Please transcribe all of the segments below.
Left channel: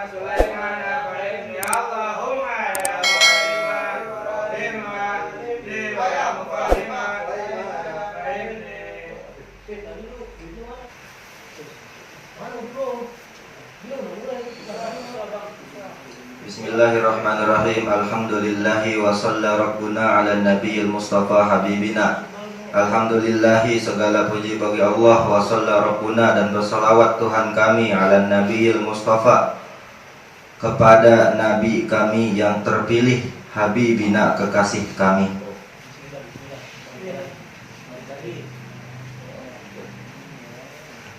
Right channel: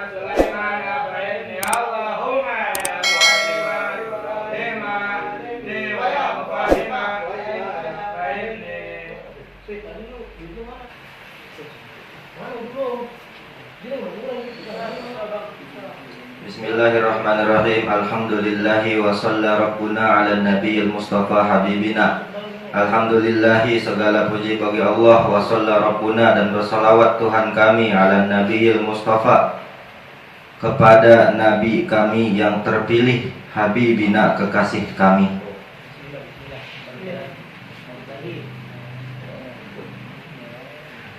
سليمان فإني اللهم يا معلم لما لي ويا مفهم فإني Bismillahirrahmanirrahim. Alhamdulillahi wa shalla rabbuna ala nabiyil mustafa habibina. Alhamdulillahi, segala puji bagi Allah, wa shalla rabbuna, dan bersalawat Tuhan kami ala nabiyil mustafa, kepada nabi kami yang terpilih, habibina, kekasih kami.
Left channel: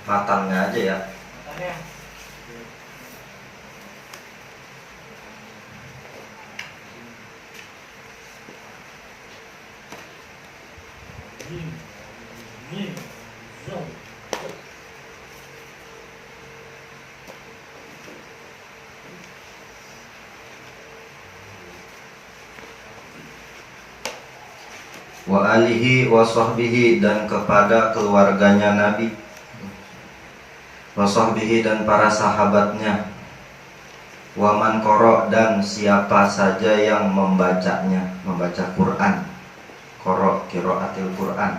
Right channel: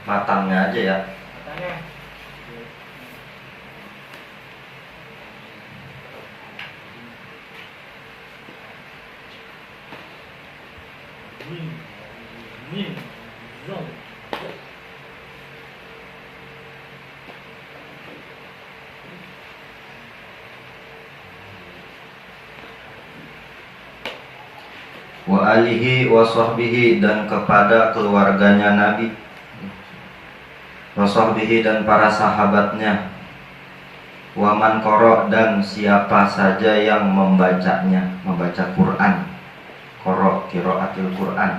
Matangnya aja ya. Wa alihi wa sahbihi, dan kepada keluarganya Nabi, wa sahbihi, dan para sahabatnya, wa man qara, dan siapa saja yang membacanya, membaca Quran. Qara, qiraatil Quran.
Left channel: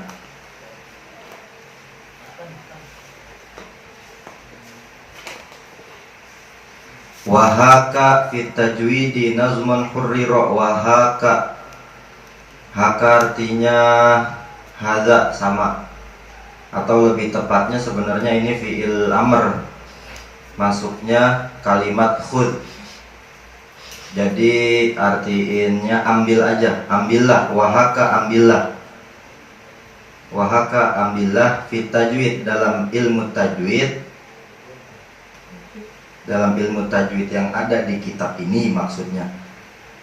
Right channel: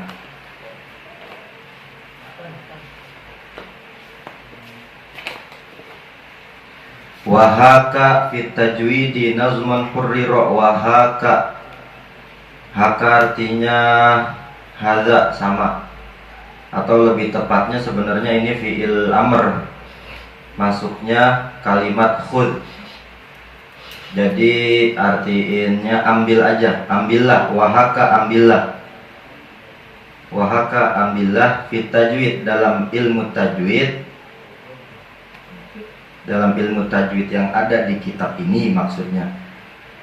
Wahaka fit tajwidi nazman hurrira. Wahaka, haka artinya hadza, sama, atau lebih tepatnya sebenarnya ini fi'il amr, masuknya kalimat khudh. Jadi artiinnya ambil aja, ambillah. Wahaka, ambillah. Wahaka, ambillah, fit tajwid, dalam ilmu tajwid, dalam ilmu tajwid yang ada di kitab ini maksudnya.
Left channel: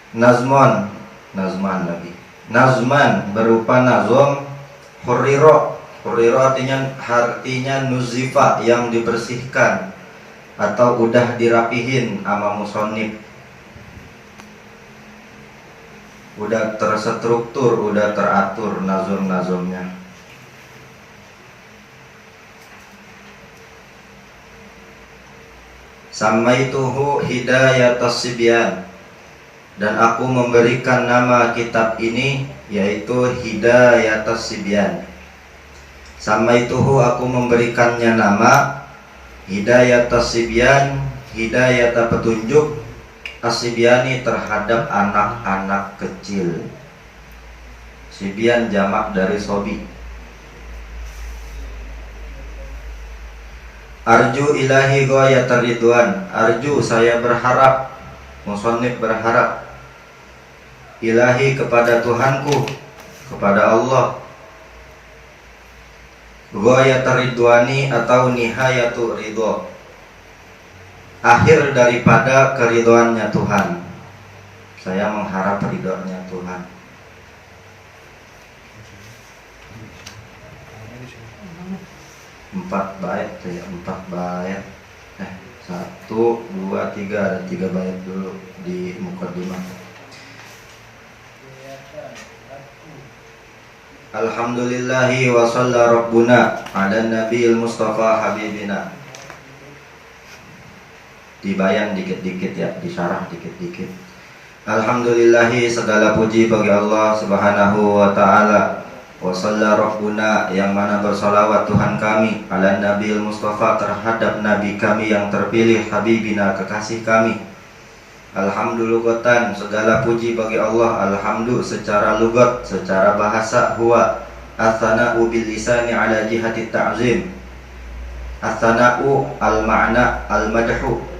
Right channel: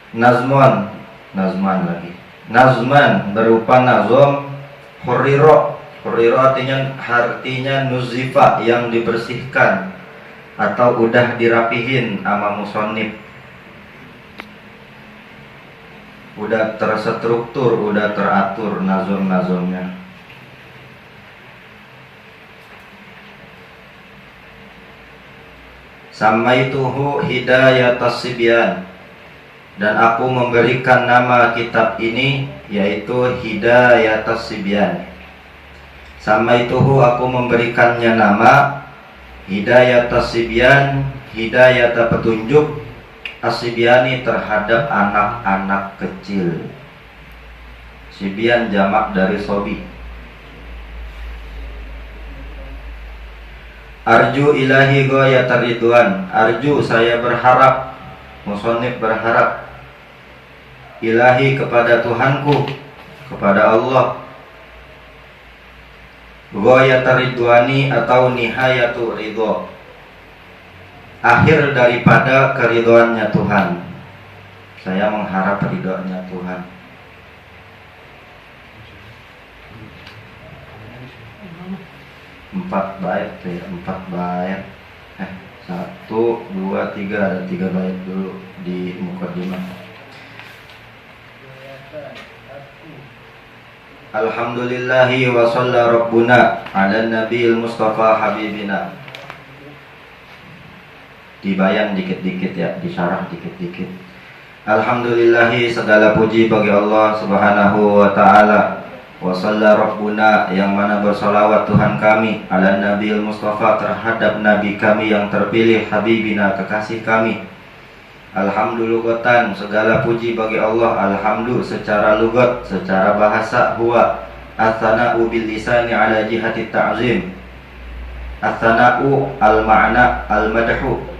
Nazman, nazman lagi. Nazman berupa nazom. Hurriro, hurriro artinya nuzifa, yang dibersihkan atau udah dirapihin sama musonib, udah terstruktur, udah teratur nazom-nazomnya. Samaituhu hidayatas sibyan, dan aku memberikan nama kitab ini yaitu Hidayatas Sibyan. Samaituhu, aku memberikannya nama Hidayatas Sibyan, hidayata petunjuk, as-sibyani, terhadap anak-anak kecil. Sibyan jamak dari sobi. Arju ilahi ghayatar ridwan. Arju, saya berharap, musannif berharap, ilahi, kepada Tuhanku, kepada Allah, ghayatar ridwani, atau nihayatu ridho, akhir daripada keridhoannya Tuhan. Saya mengharap ridhonya Tuhan. Empat bait, saya 4 bait. 1, 2, 3, ada 3 bait dulu di mukadimah. Alhamdulillahi wa shalla rabbuna ala nabiyil mustafa habibina. Dibayan dikit-dikit ya, disyarah dikit-dikit. Alhamdulillahi, segala puji bagi Allah subhanahu wa ta'ala. Wa shalla rabbuna, yang mana bersolawat Tuhan kami, ala nabiyil mustafa, terhadap nabi kami yang terpilih, habibina, kekasih kami. Alhamdulillahatan, segala puji bagi Allah. Alhamdu secara lugat, secara bahasa, huwa as-sana'u bil lisani ala jihati ta'zim. As-sana'u al-ma'na al-madhu.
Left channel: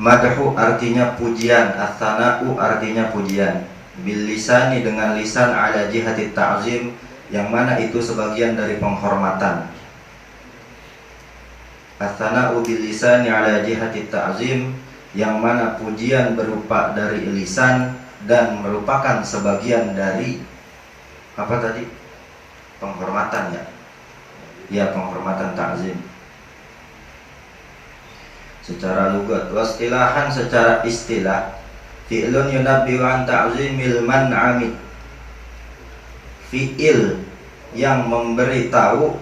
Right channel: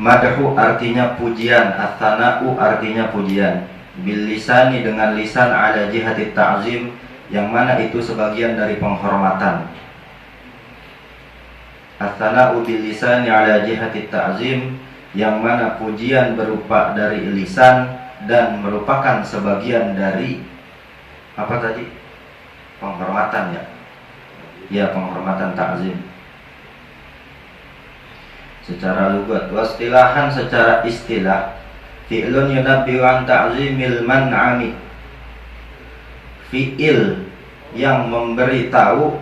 Madhu artinya pujian, as-sana'u artinya pujian. Bil lisani, dengan lisan, ala jihati ta'zim, yang mana itu sebagian dari penghormatan. As-sana'u bil lisani ala jihati ta'zim, yang mana pujian berupa dari lisan dan merupakan sebagian dari apa tadi? Penghormatan ya. Ya, penghormatan ta'zim. Secara lugat, wastilahan, secara istilah, fi'lun yunabbi'u an ta'zimil man'ami, fi'il yang memberitahu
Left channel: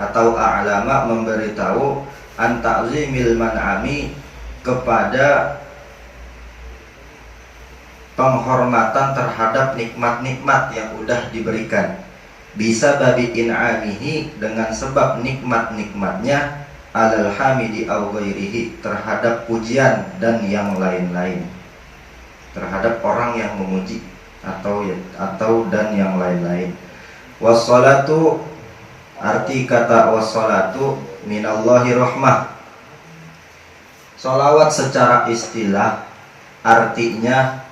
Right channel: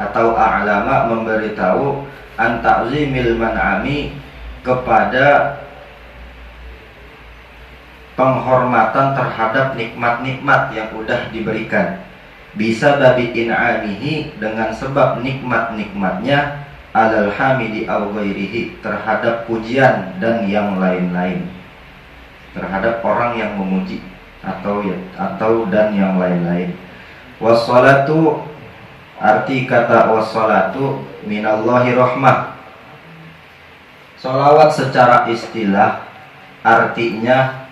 atau a'lama memberitahu an ta'zimil man'ami kepada penghormatan terhadap nikmat-nikmat yang udah diberikan, bisa babi in'amihi dengan sebab nikmat-nikmatnya, alal hamidi aw ghairihi terhadap pujian dan yang lain-lain, terhadap orang yang memuji atau dan yang lain-lain. Wassalatu, arti kata wassalatu minallahi rahmah. Sholawat secara istilah artinya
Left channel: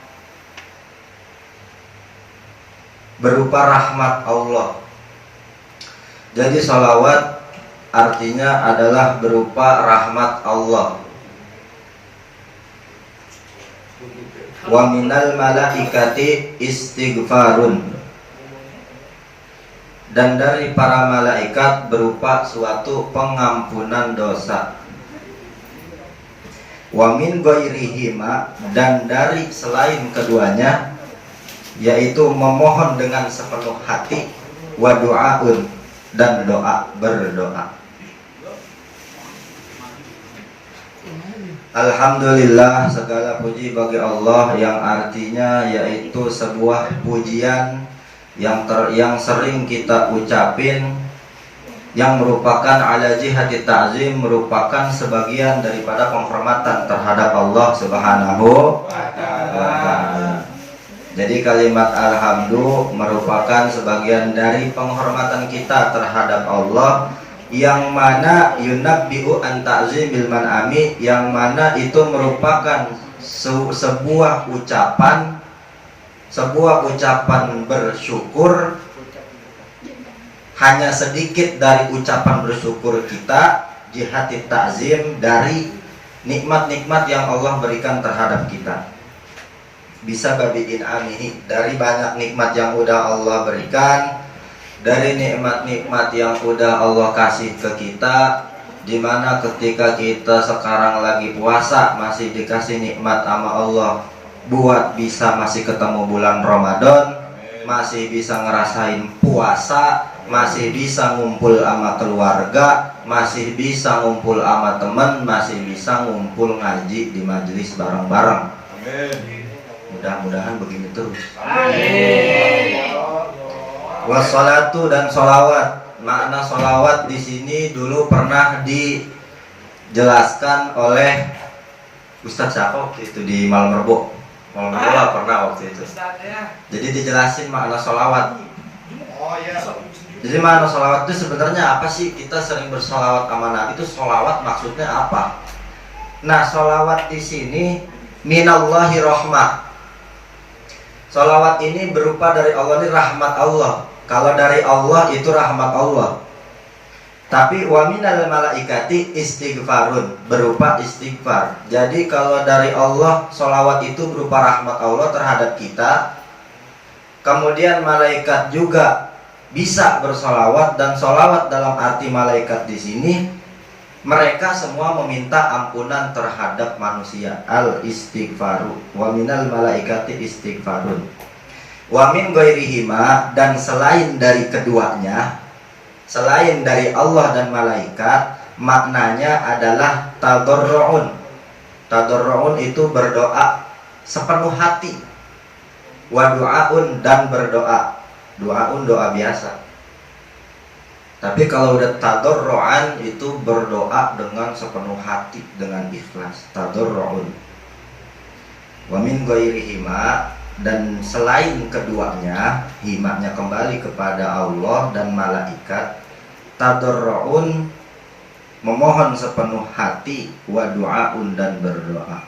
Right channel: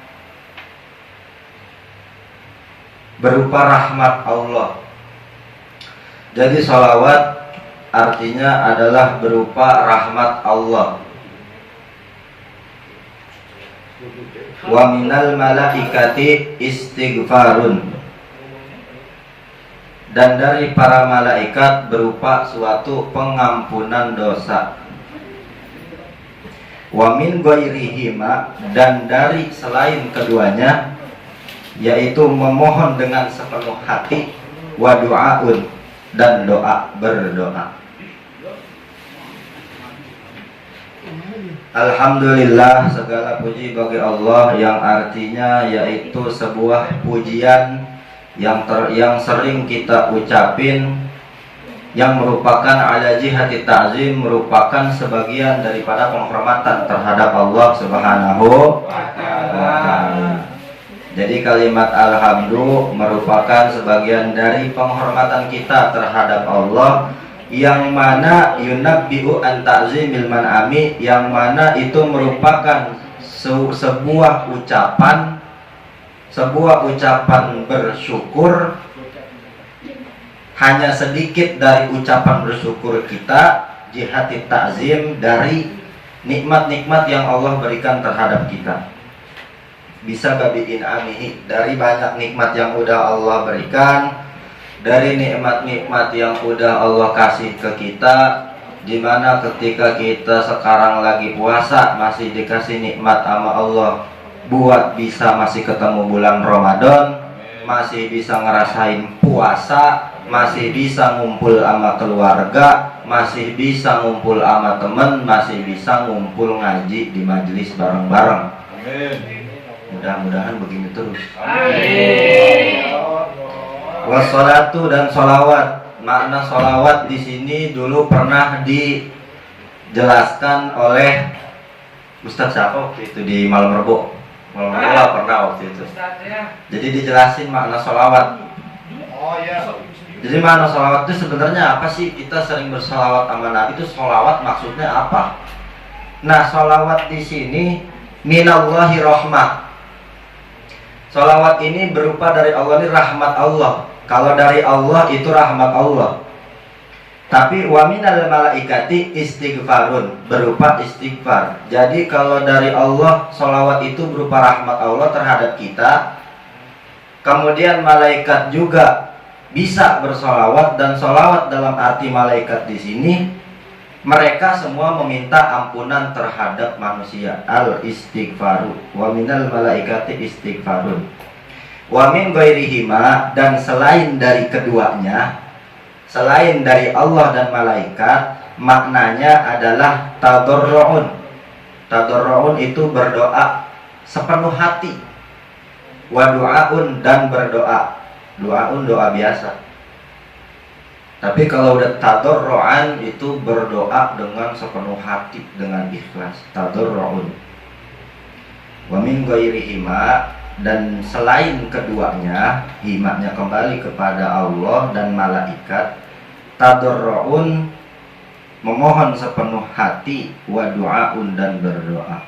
berupa rahmat Allah. Jadi sholawat artinya adalah berupa rahmat Allah. Wa minal malaikati istighfarun, dan dari para malaikat berupa suatu pengampunan dosa. Wa min ghairihima, dan dari selain keduanya, yaitu memohon dengan sepenuh hati, wa du'aun, dan berdoa. Alhamdulillah, segala puji bagi Allah, yang artinya yaitu sebuah pujian yang sering kita ucapin, yang merupakan ala jihati ta'zim, merupakan sebagian daripada penghormatan terhadap Allah Subhanahu wa ta'ala. Jadi kalimat alhamdulillah merupakan sebagian dari penghormatan kita terhadap Allah, yang mana yunabbi'u an ta'zimil man'ami, yang mana itu merupakan sebuah ucapan bersyukur. Hanya sedikit dari ucapan bersyukur kita, jihati ta'zim, dari nikmat-nikmat yang Allah berikan terhadap kita. Bisa babiin amihi, dari banyak nikmat yang udah Allah berikan, dari nikmat-nikmat yang udah Allah kasih ke kita, dimana ketika kita sekarang lagi puasa masih dikasih nikmat sama Allah buat bisa masih ketemu bulan Ramadan, masih bisa ngerasain puasa, masih bisa ngumpul sama keluarga, masih bisa ngumpul sama temen, masih bisa ngumpul ngaji di majelis bareng-bareng. Mudah-mudahan begini terus. Wassalatu, dan sholawat. Makna sholawat di sini dulu pernah dijelaskan oleh Ustadz siapa waktu itu di Malam Rebo. Malam Rebo pernah waktu itu. Jadi dijelasin makna sholawat. Oh ya. Jadi makna sholawat itu sebenarnya apa sih? Kita sering bersolawat sama Nabi, itu sholawat maksudnya apa? Nah, sholawat di sini minallahi rahmah. Sholawat ini berupa dari Allah, ini rahmat Allah. Kalau dari Allah itu rahmat Allah. Tapi wa minal malaikati istighfarun, berupa istighfar. Jadi kalau dari Allah, sholawat itu berupa rahmat Allah terhadap kita. Kemudian malaikat juga bisa bersolawat, dan solawat dalam arti malaikat di sini, mereka semua meminta ampunan terhadap manusia. Al istighfaru wa minal malaikati istighfarun. Wa min ghairihima, dan selain dari keduanya, selain dari Allah dan malaikat, maknanya adalah tadarru'un. Tadarru'un itu berdoa sepenuh hati. Wa du'aun, dan berdoa. Du'aun doa biasa. Tapi kalau udah tadarru'an itu berdoa dengan sepenuh hati, dengan ikhlas. Tadarru'un. Wa min ghairihima, dan selain keduanya, himaknya kembali kepada Allah dan malaikat. Tadarru'un, memohon sepenuh hati, wa du'aun, dan berdoa.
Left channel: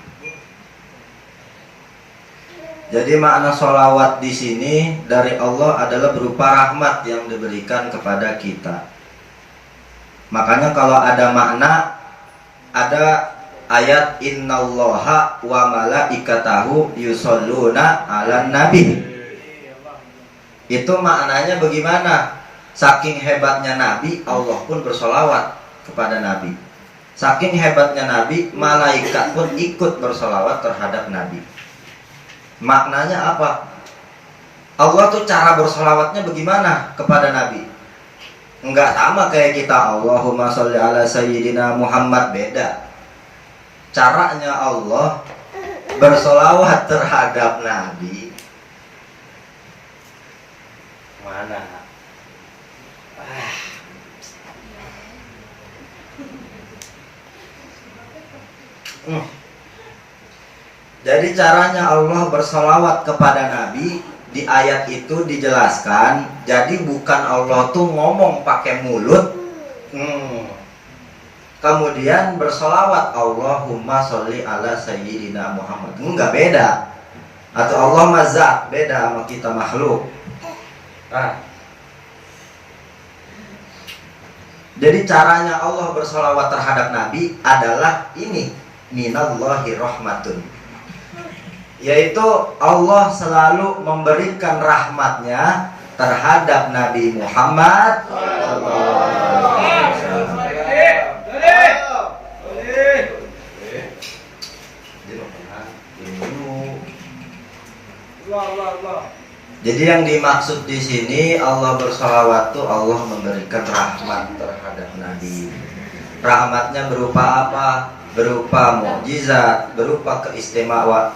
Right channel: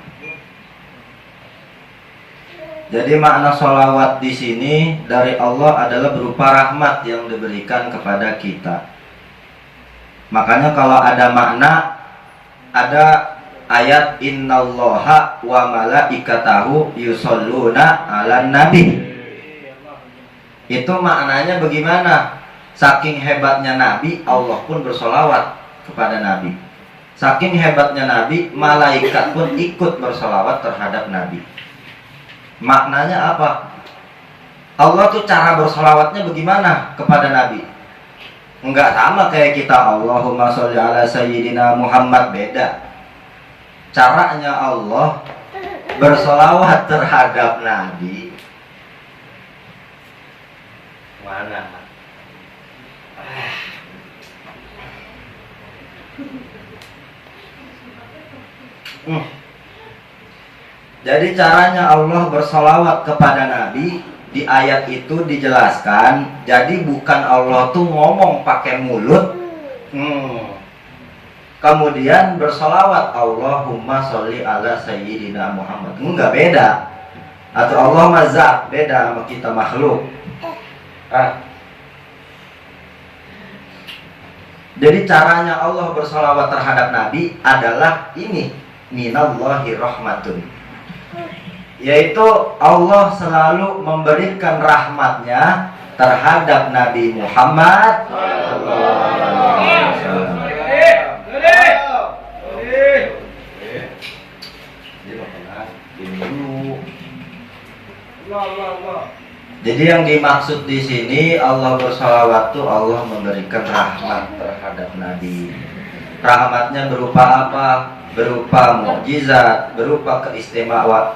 Jadi makna sholawat di sini dari Allah adalah berupa rahmat yang diberikan kepada kita. Makanya kalau ada makna, ada ayat innallaha wa malaikatahu yusholluna 'alan nabi. Itu maknanya bagaimana? Saking hebatnya Nabi, Allah pun bersolawat kepada Nabi. Saking hebatnya Nabi, malaikat pun ikut bersolawat terhadap Nabi. Maknanya apa? Allah tuh cara bersolawatnya bagaimana kepada Nabi? Enggak sama kayak kita Allahumma sholli ala sayyidina Muhammad, beda. Caranya Allah bersolawat terhadap Nabi mana? Jadi caranya Allah bersolawat kepada Nabi di ayat itu dijelaskan. Jadi bukan Allah tuh ngomong pakai mulut, kemudian bersolawat Allahumma sholli ala sayyidina Muhammad. Enggak, beda. Atau Allah mazat, beda sama kita makhluk. Jadi caranya Allah bersolawat terhadap Nabi adalah ini, minallahi rahmatun, yaitu Allah selalu memberikan rahmatnya terhadap Nabi Muhammad. Jadi yang dimaksud di sini Allah bersolawat tuh Allah memberikan rahmat terhadap Nabi. Rahmatnya berupa apa? Berupa mukjizat, berupa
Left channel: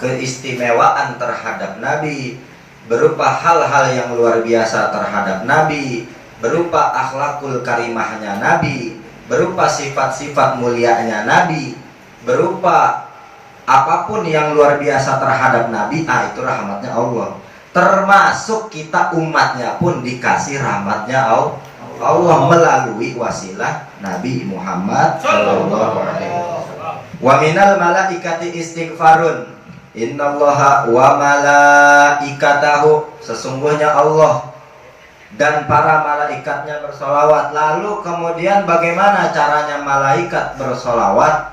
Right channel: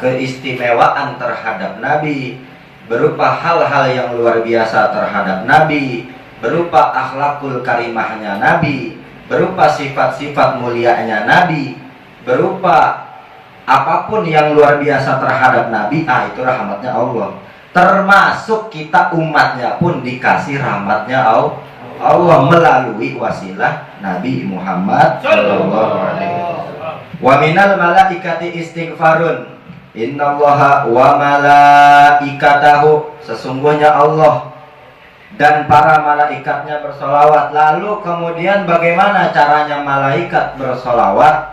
keistimewaan terhadap Nabi, berupa hal-hal yang luar biasa terhadap Nabi, berupa akhlakul karimahnya Nabi, berupa sifat-sifat mulianya Nabi, berupa apapun yang luar biasa terhadap Nabi. Itu rahmatnya Allah. Termasuk kita umatnya pun dikasih rahmatnya Allah melalui wasilah Nabi Muhammad sallallahu alaihi wasallam. Wa minal malaikati istighfarun, innallaha wa malaikatahu, sesungguhnya Allah dan para malaikatnya bersolawat. Lalu kemudian bagaimana caranya malaikat bersolawat?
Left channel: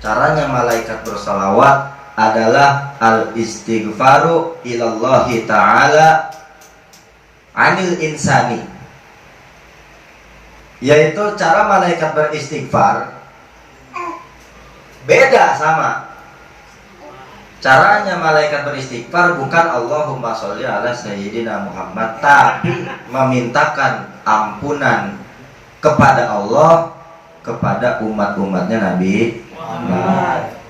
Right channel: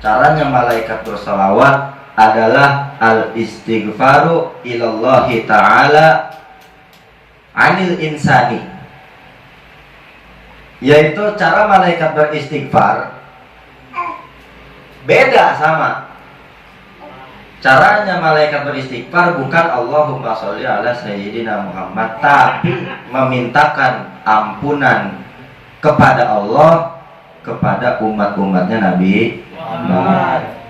Caranya malaikat bersolawat adalah al-istighfaru ilallahi ta'ala anil insani, yaitu cara malaikat beristighfar beda sama caranya malaikat beristighfar. Bukan Allahumma sholli ala sayyidina Muhammad, tapi memintakan ampunan kepada Allah kepada umat-umatnya Nabi Muhammad.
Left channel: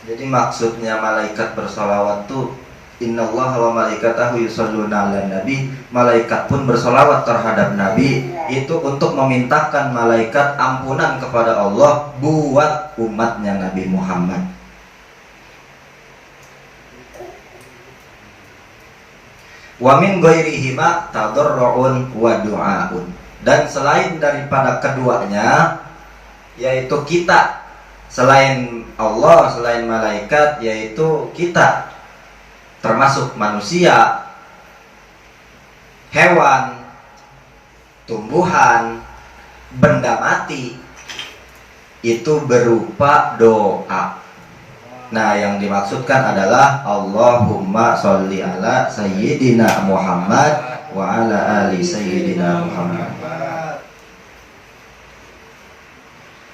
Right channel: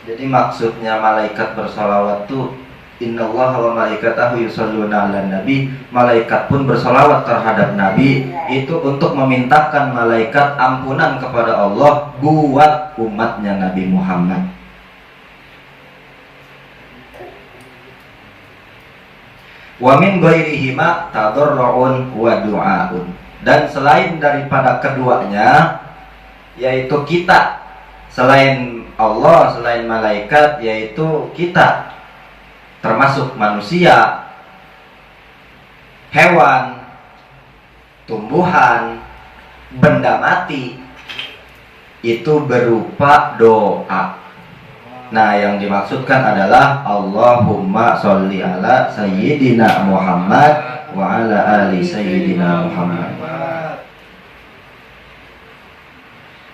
Jadi maksudnya malaikat bersolawat tuh innallaha wa malaikatahu yusholluna 'alan nabi, malaikat pun bersolawat terhadap Nabi itu untuk memintakan malaikat ampunan kepada Allah buat umatnya Nabi Muhammad. Wa min ghairihima tadarru'un wa du'aun, dan selain daripada keduanya, yaitu kita, selain Allah, selain malaikat, yaitu kita, termasuk manusia, hewan, tumbuhan, benda mati, itu berupa doa. Nah, yang dimaksudkan adalah Allahumma sholli ala sayyidina Muhammad wa ala ali sayyidina Muhammad.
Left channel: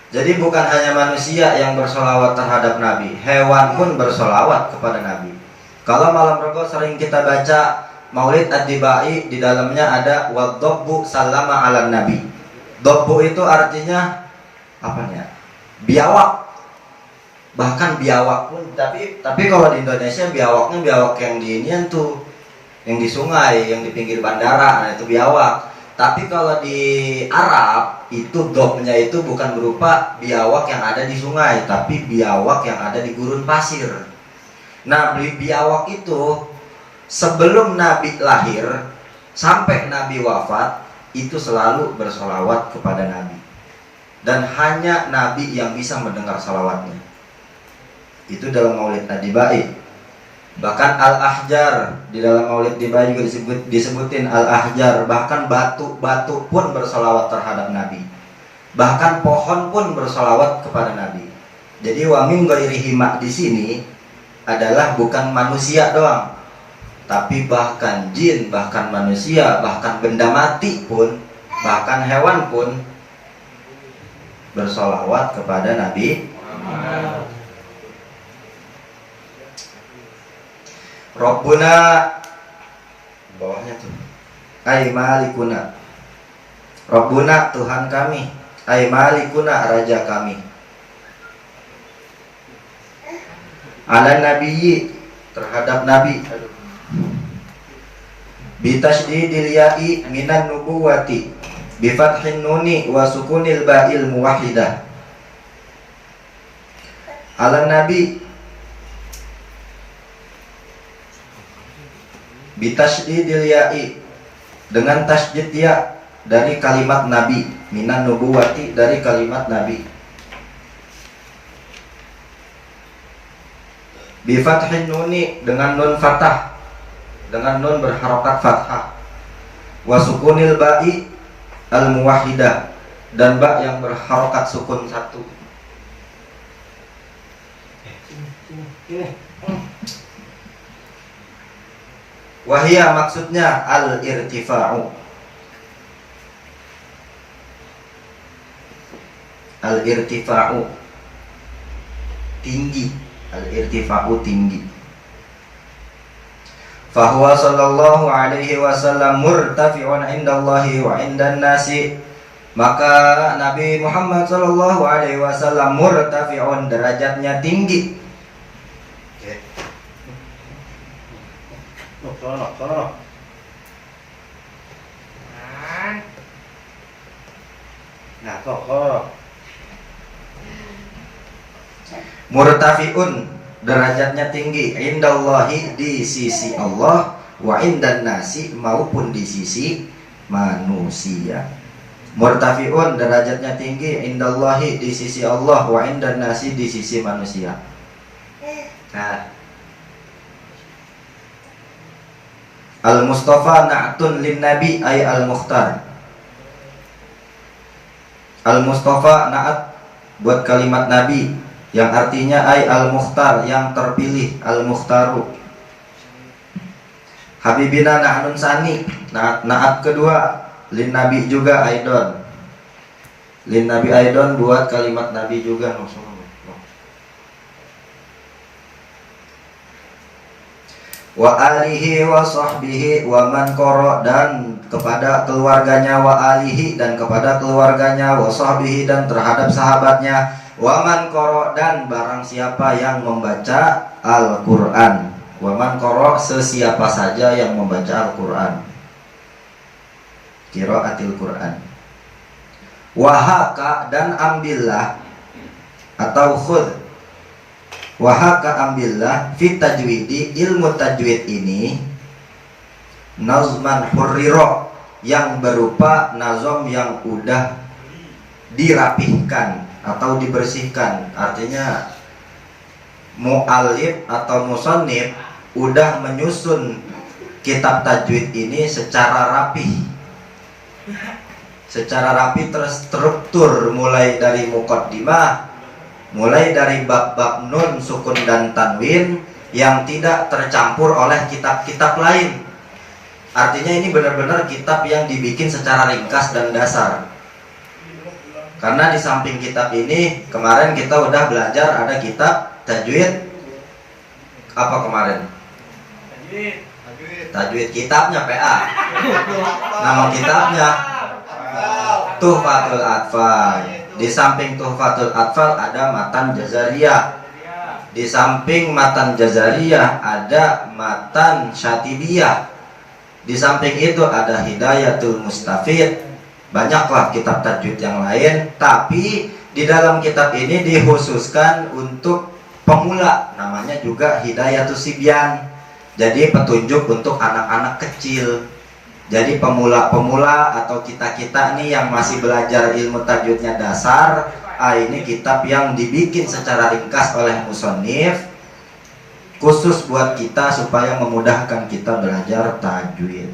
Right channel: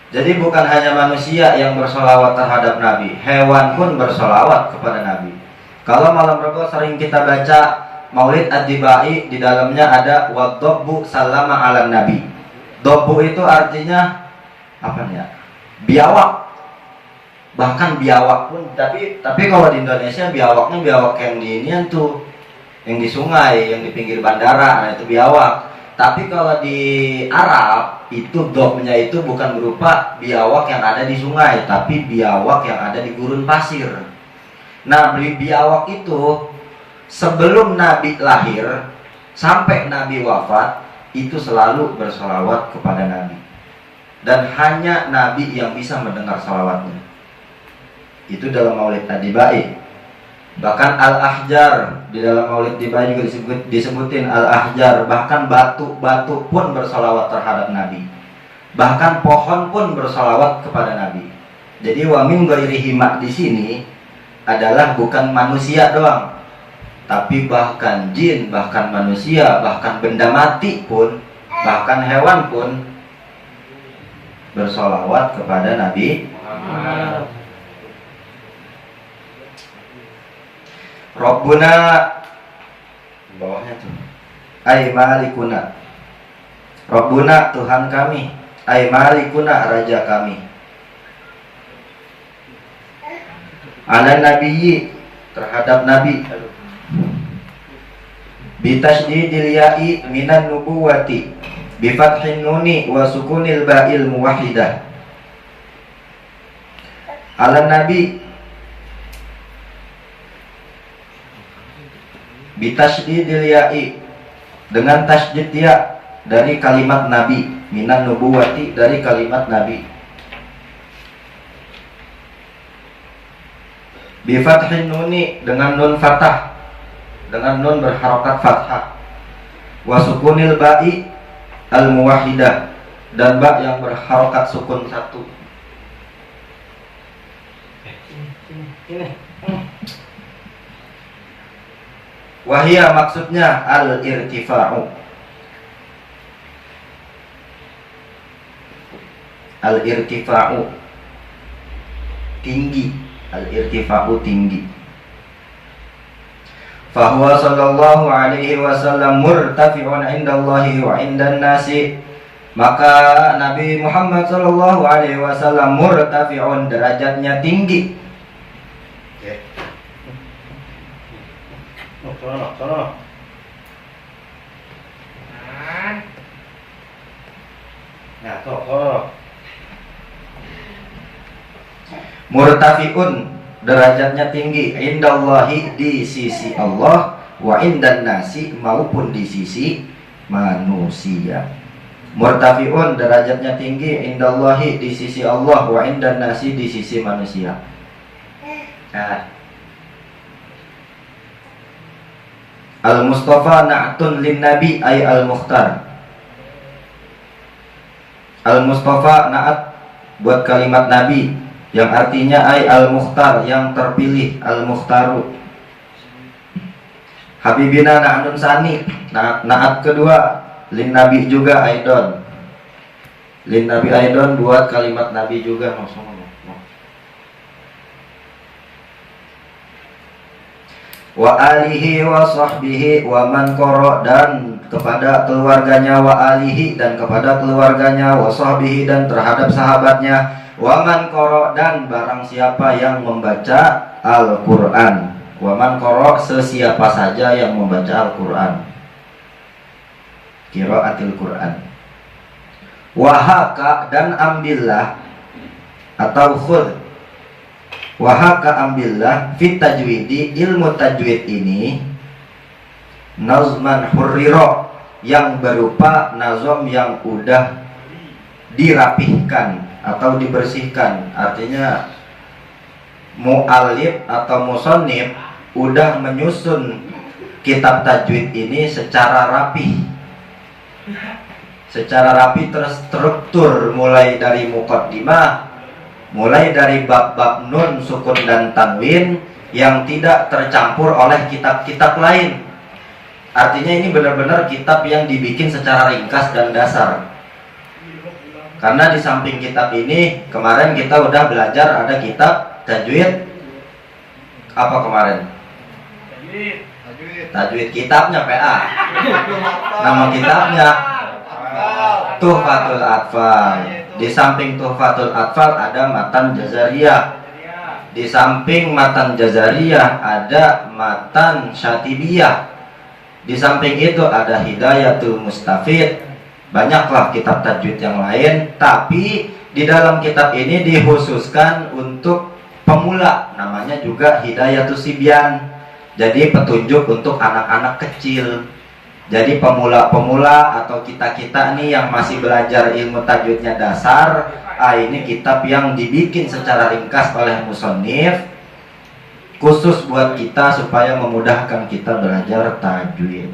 Jadi bukan hanya manusia yang bersolawat terhadap Nabi, hewan pun bersolawat kepada Nabi. Kalau malam Rebo sering kita baca Maulid Ad-Dibai, di dalamnya ada wadobbu salama ala Nabi. Dobbu itu artinya apa nih ya? Biawak. Bahkan biawak pun, tapi kalau di Indonesia biawaknya biawak yang di ini tuh, yang di sungai, yang di pinggir bandara, nah itu biawak. Tapi kalau di Arab itu dobnya itu bukan berupa biawak yang ada di sungai, tapi biawak yang ada di gurun pasir. Nah, biawak itu sebelum Nabi lahir sampai Nabi wafat itu selalu bersolawat kepada Nabi, dan hanya Nabi yang bisa mendengar solawatnya. Itu dalam Maulid Ad-Dibai. Bahkan Al-Ahjar, di dalam Maulid Dibai juga disebutin Al-Ahjar. Bahkan batu-batu pun bersolawat terhadap Nabi. Bahkan pohon pun bersolawat kepada Nabi. Jadi wa min ghairihi di sini adalah bukan manusia doang, tapi bahkan jin, bahkan manusia, bahkan benda mati pun, bahkan hewan pun bersolawat kepada Nabi Muhammad. Rabbuna, bawahnya tuh, ay malikuna, Rabbuna Tuhan kami, ay malikuna raja kami. Ala nabiyyi terhadap nabi. Bitasydidil ya'i minan nubuwati bi fathin nuni wa sukunil ba'il muwahhidah. Ala nabi bitasydidil ya'i dengan tasydid ya dari kalimat nabi, minan nubuwati dari kalimat nabi. Bi fathin nuni dengan nun fathah, dengan nun berharokat fathah. Wa sukunil ba'i al muwahhidah, dan ba yang berharokat sukun satu. Wahia maksudnya al irtifa'u. Al irtifa'u tinggi, al irtifa'u tinggi. Fahuwa sallallahu alaihi wasallam murtafi'un indallahi wa indan nasi. Maka Nabi Muhammad sallallahu alaihi wasallam murtafi'un, derajatnya tinggi. Nah, murtafi'un, derajatnya tinggi, indallahi di sisi Allah, wa indan nasi maupun di sisi manusia. Murtafi'un, derajatnya tinggi, indallahi di sisi Allah, wa indan nasi di sisi manusia. Nah, Al-Mustafa na'tun lin nabi ay al-mukhtar. Al-Mustafa na'at buat kalimat nabi, yang artinya ay al-mukhtar, yang terpilih, al-mukhtaru. Habibina na'nun sani, na'at kedua, lin nabi juga aidon. Lin nabi aidon buat kalimat nabi juga. Wa alihi wa sahbihi wa man qara, dan kepada keluarganya, wa alihi dan kepada keluarganya, wa sahbihi dan terhadap sahabatnya, wa man qara dan barang siapa yang membaca Al-Qur'an. Wa man qara sesiapa saja yang membaca Al-Qur'an, qiraatil Qur'an. Wa haka dan ambillah atau khudh. Wahaka ambillah fit tajwidi, ilmu tajwid ini nazman hurriro, yang berupa nazom yang udah dirapihkan atau dibersihkan. Artinya mu'alif atau musannif udah menyusun kitab tajwid ini secara rapi, terstruktur, mulai dari muqaddimah, mulai dari bab-bab nun, sukun dan tanwin yang tidak tercampur oleh kitab-kitab lain. Artinya ini benar-benar kitab yang dibikin secara ringkas dan dasar. Karena di samping kitab ini, kemarin kita udah belajar ada kitab tajwid. Apa kemarin? Tajwid kitabnya PA. Nama kitabnya Tuhfatul Atfal. Di samping Tuhfatul Atfal ada matan jazariyah. Di samping matan jazariyah ada matan syatibiyah. Di samping itu ada hidayatul mustafid. Banyaklah kitab tajwid yang lain, tapi di dalam kitab ini dikhususkan untuk pemula, namanya juga hidayatul sibyan. Jadi petunjuk untuk anak-anak kecil. Jadi pemula-pemula atau kita-kita nih yang masih belajar ilmu tajwidnya dasar, ini kitab yang dibikin secara ringkas oleh musannif khusus buat kita supaya memudahkan kita belajar tajwid.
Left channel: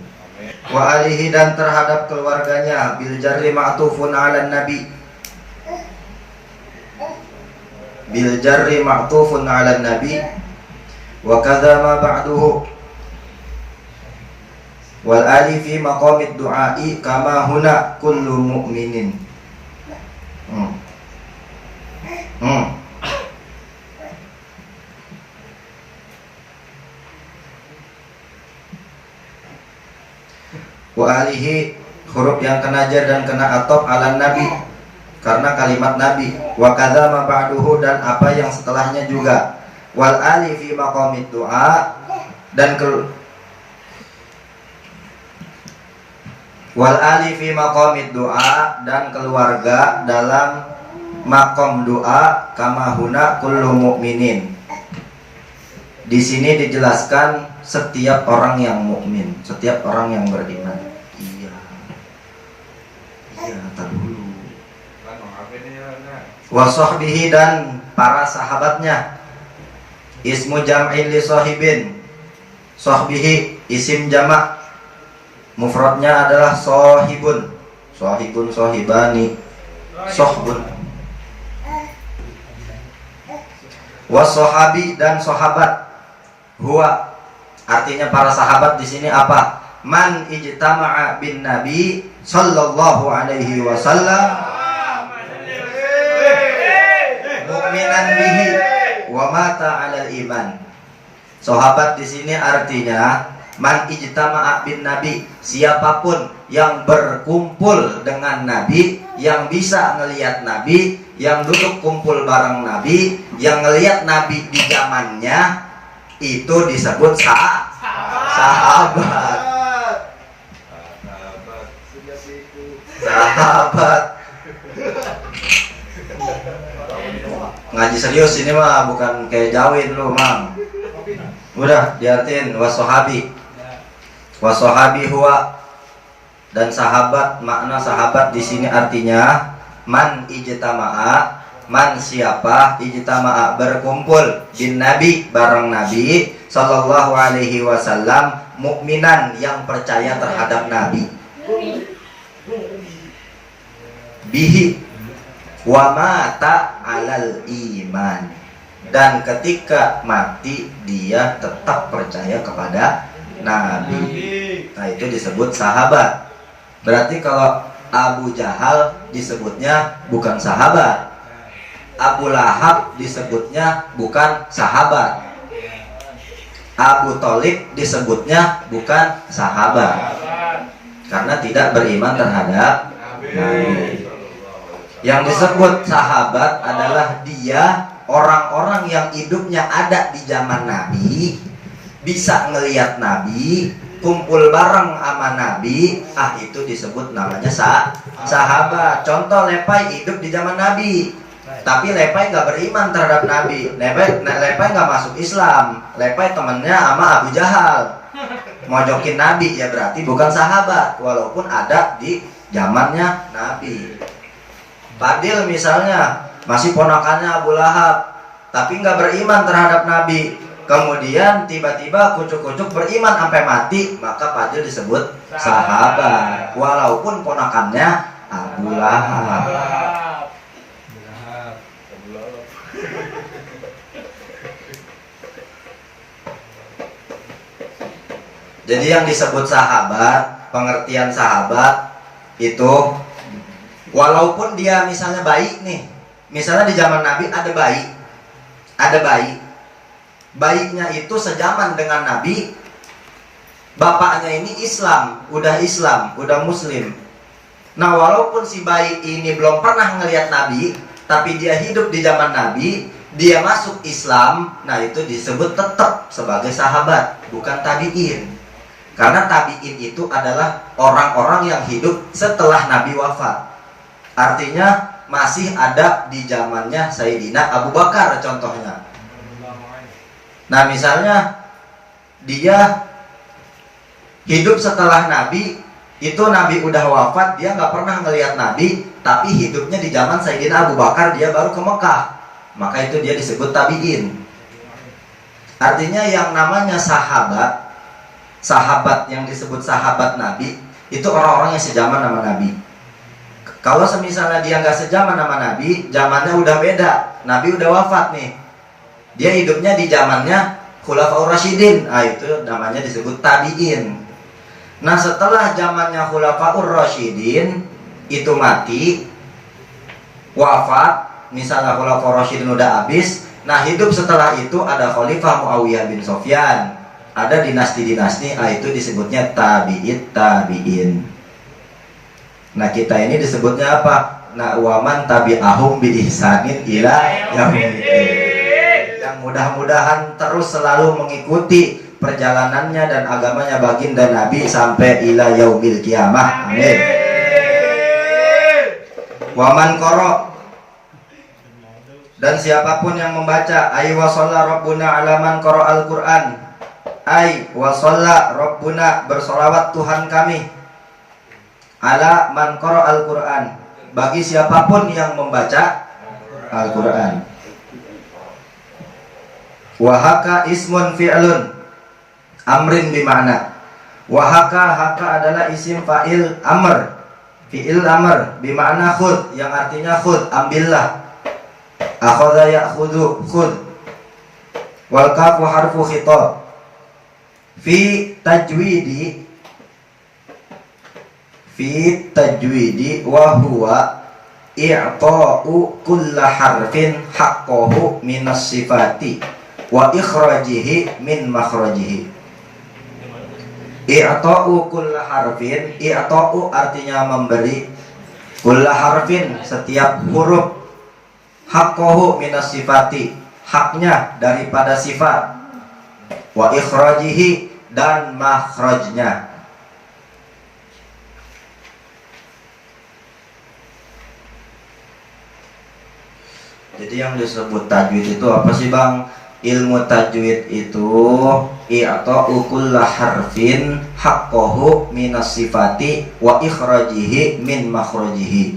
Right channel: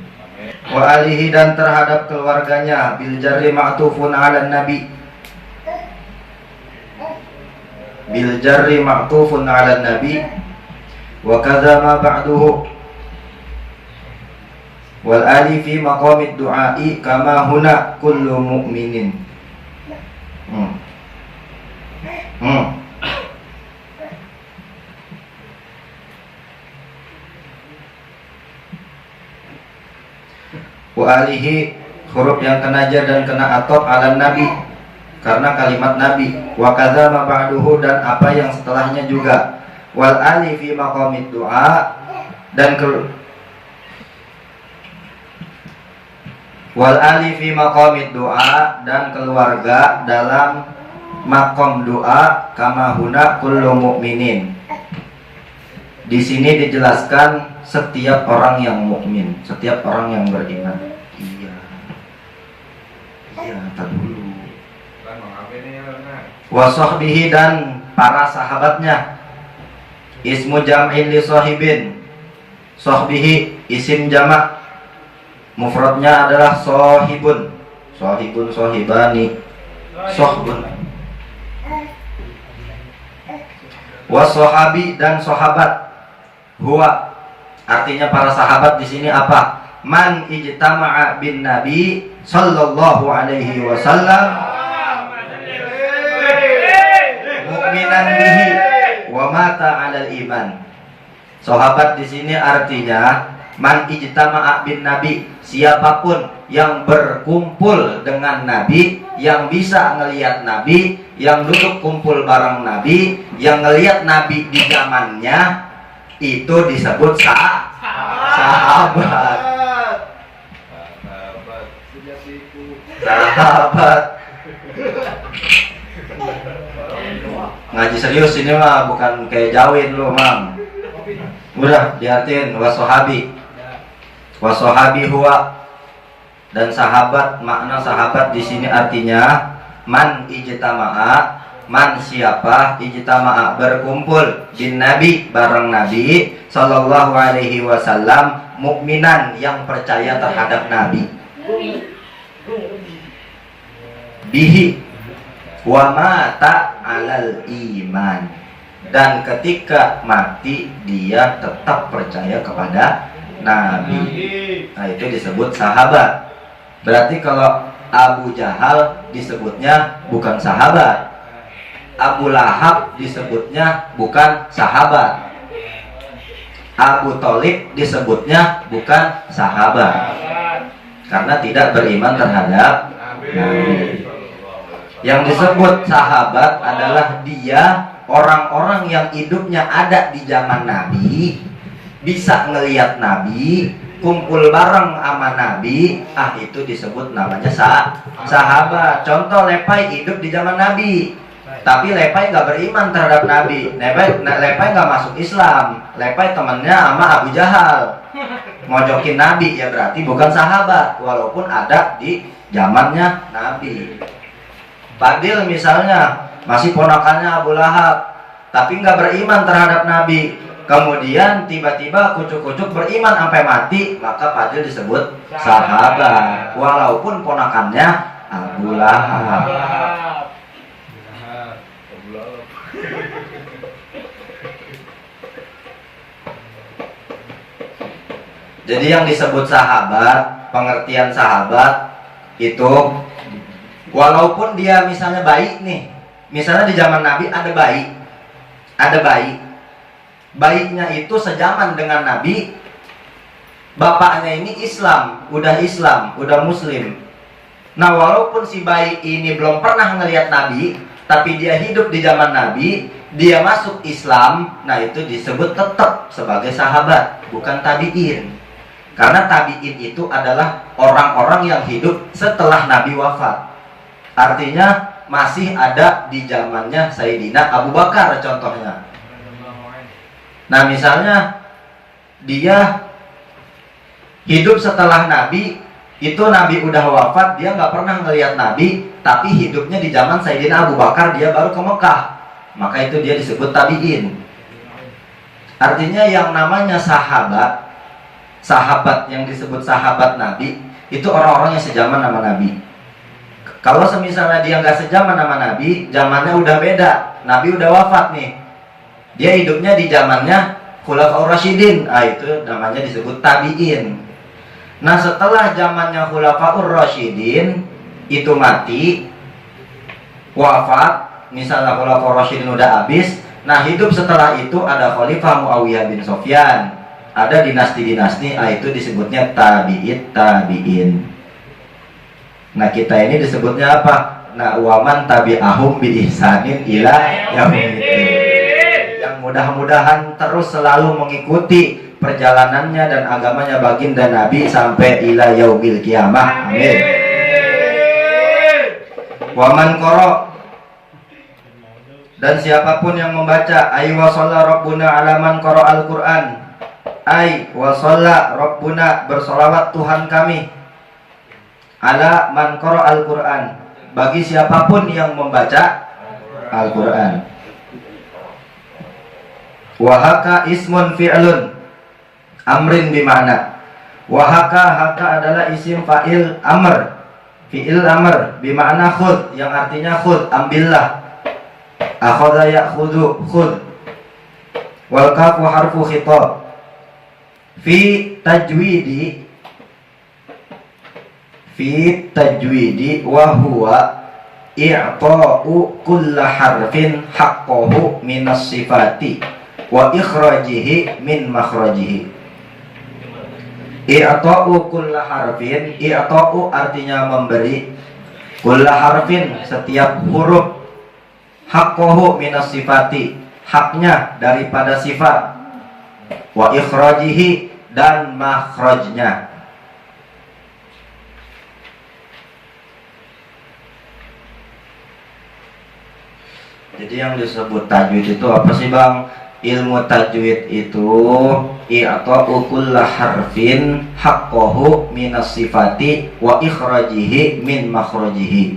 Wa alihi dan terhadap keluarganya, bil jarri ma'tufun 'alan nabi. Bil jarri ma'tufun 'alan nabi wa kadza ma ba'duhu. Wal ali fi maqamid du'ai kama huna kullu mu'minin. Wa alihi huruf yang kena jar dan kena atop ala nabi karena kalimat nabi, wa kadza ma ba'duhu dan apa yang setelahnya juga, wal ali fi maqamid du'a dan wal ali fi maqamid du'a dan keluarga dalam makom doa kama huna kullu mu'minin. Di sini dijelaskan setiap orang yang mukmin, setiap orang yang beriman. Iya, tar dulu. Wa sahbihi dan para sahabatnya. Ismu jam'in li sahibin. Sahbihi isim jamak. Mufradnya adalah sahibun. Sahibun, sahibani, sahbun. Wa sahabi dan sahabat. Huwa artinya para sahabat di sini apa? Man ijtama'a bin Nabi sallallahu alaihi wasallam mu'minan bihi wa mata 'alal iman. Sahabat di sini artinya man ijtama'a bin Nabi, siapapun yang berkumpul dengan Nabi, yang bisa ngelihat Nabi, yang duduk kumpul bareng Nabi, yang ngelihat Nabi di zamannya, itu disebut sahabat. Sahabat. Ngaji serius ini mah, bukan kayak jawin lu, Mang. Udah diartiin wasohabi. Wasohabi huwa, dan sahabat, makna sahabat di sini artinya man ijtama'a, man siapa, ijtama'a berkumpul bin Nabi bareng Nabi sallallahu alaihi wasallam, mukminan yang percaya terhadap Nabi, bihi wa mata 'alal iman, dan ketika mati dia tetap percaya kepada Nabi. Nah, itu disebut sahabat. Berarti kalau Abu Jahal disebutnya bukan sahabat, Abu Lahab disebutnya bukan sahabat, Abu Thalib disebutnya bukan sahabat, karena tidak beriman terhadap Nabi. Yang disebut sahabat adalah dia orang-orang yang hidupnya ada di zaman Nabi, bisa ngelihat Nabi, kumpul bareng sama Nabi, itu disebut namanya sahabat. Contoh, Lepai hidup di zaman Nabi, tapi Lepai nggak beriman terhadap Nabi. Lepai nggak masuk Islam. Lepai temennya sama Abu Jahal, mojokin Nabi, ya berarti bukan sahabat, walaupun ada di zamannya Nabi. Fadil misalnya masih ponakannya Abu Lahab, tapi nggak beriman terhadap Nabi. Kemudian tiba-tiba kucuk-kucuk beriman sampai mati, maka Fadil disebut sahabat, walaupun ponakannya Abu Lahab. Jadi yang disebut sahabat, pengertian sahabat itu walaupun dia misalnya baik nih, misalnya di zaman Nabi ada bayi, baiknya itu sejaman dengan Nabi, bapaknya ini Islam, udah Muslim. Nah, walaupun si bayi ini belum pernah ngelihat Nabi, tapi dia hidup di zaman Nabi, dia masuk Islam, nah itu disebut tetap sebagai sahabat, bukan tabi'in. Karena tabi'in itu adalah orang-orang yang hidup setelah Nabi wafat. Artinya masih ada di zamannya Sayyidina Abu Bakar contohnya. Nah, misalnya dia hidup setelah Nabi, itu Nabi udah wafat, dia nggak pernah ngelihat Nabi, tapi hidupnya di zaman Sayyidina Abu Bakar, dia baru ke Mekah, maka itu dia disebut tabi'in. Artinya yang namanya sahabat yang disebut sahabat Nabi, itu orang-orang yang sejaman sama Nabi. Kalau semisalnya dia nggak sejaman sama Nabi, zamannya udah beda, Nabi udah wafat nih, dia hidupnya di zamannya Khulafaur Rasyidin, itu namanya disebut tabi'in. Nah, setelah zamannya Khulafaur Rasyidin itu mati, wafat, misalnya Khulafaur Rasyidin udah habis, nah hidup setelah itu ada Khalifah Muawiyah bin Sofyan, ada dinasti-dinasti, itu disebutnya tabi'in. Nah kita ini disebutnya apa? Nah waman tabi'ahum bi ihsanin ila yaumil. Yang mudah-mudahan terus selalu mengikuti perjalanannya dan agamanya baginda Nabi sampai ila yaumil kiamah. Amin. Waman qara, dan siapapun yang membaca ay wa shalla rabbuna ala man qara al-Qur'an, ay wa shalla rabbuna, bersolawat Tuhan kami, ala man qara al-Qur'an, bagi siapapun yang membaca Al-Qur'an. Wahaka ismun fi'lun amrin bima'na. Wahaka, haka adalah isim fa'il amr, fi'il amr bima'na khud, yang artinya khud, ambillah. Akhadha ya'khudhu, khud. Wal kafu harfu khitab. Fi tajwidi wa huwa i'ta'u kulla harfin haqqahu minas sifati wa ikhrajihi min makhrajihi. I'ta'u kulla harfin, i'ta'u artinya memberi, kulla harfin setiap huruf, haqqahu minas sifati haknya daripada sifat, wa ikhrajihi dan makhrajnya. Jadi yang disebut tajwid itu apa sih Bang? Ilmu tajwid itu i'ta'u kulla harfin haqqahu minas sifati wa ikhrajihi min makhrajihi.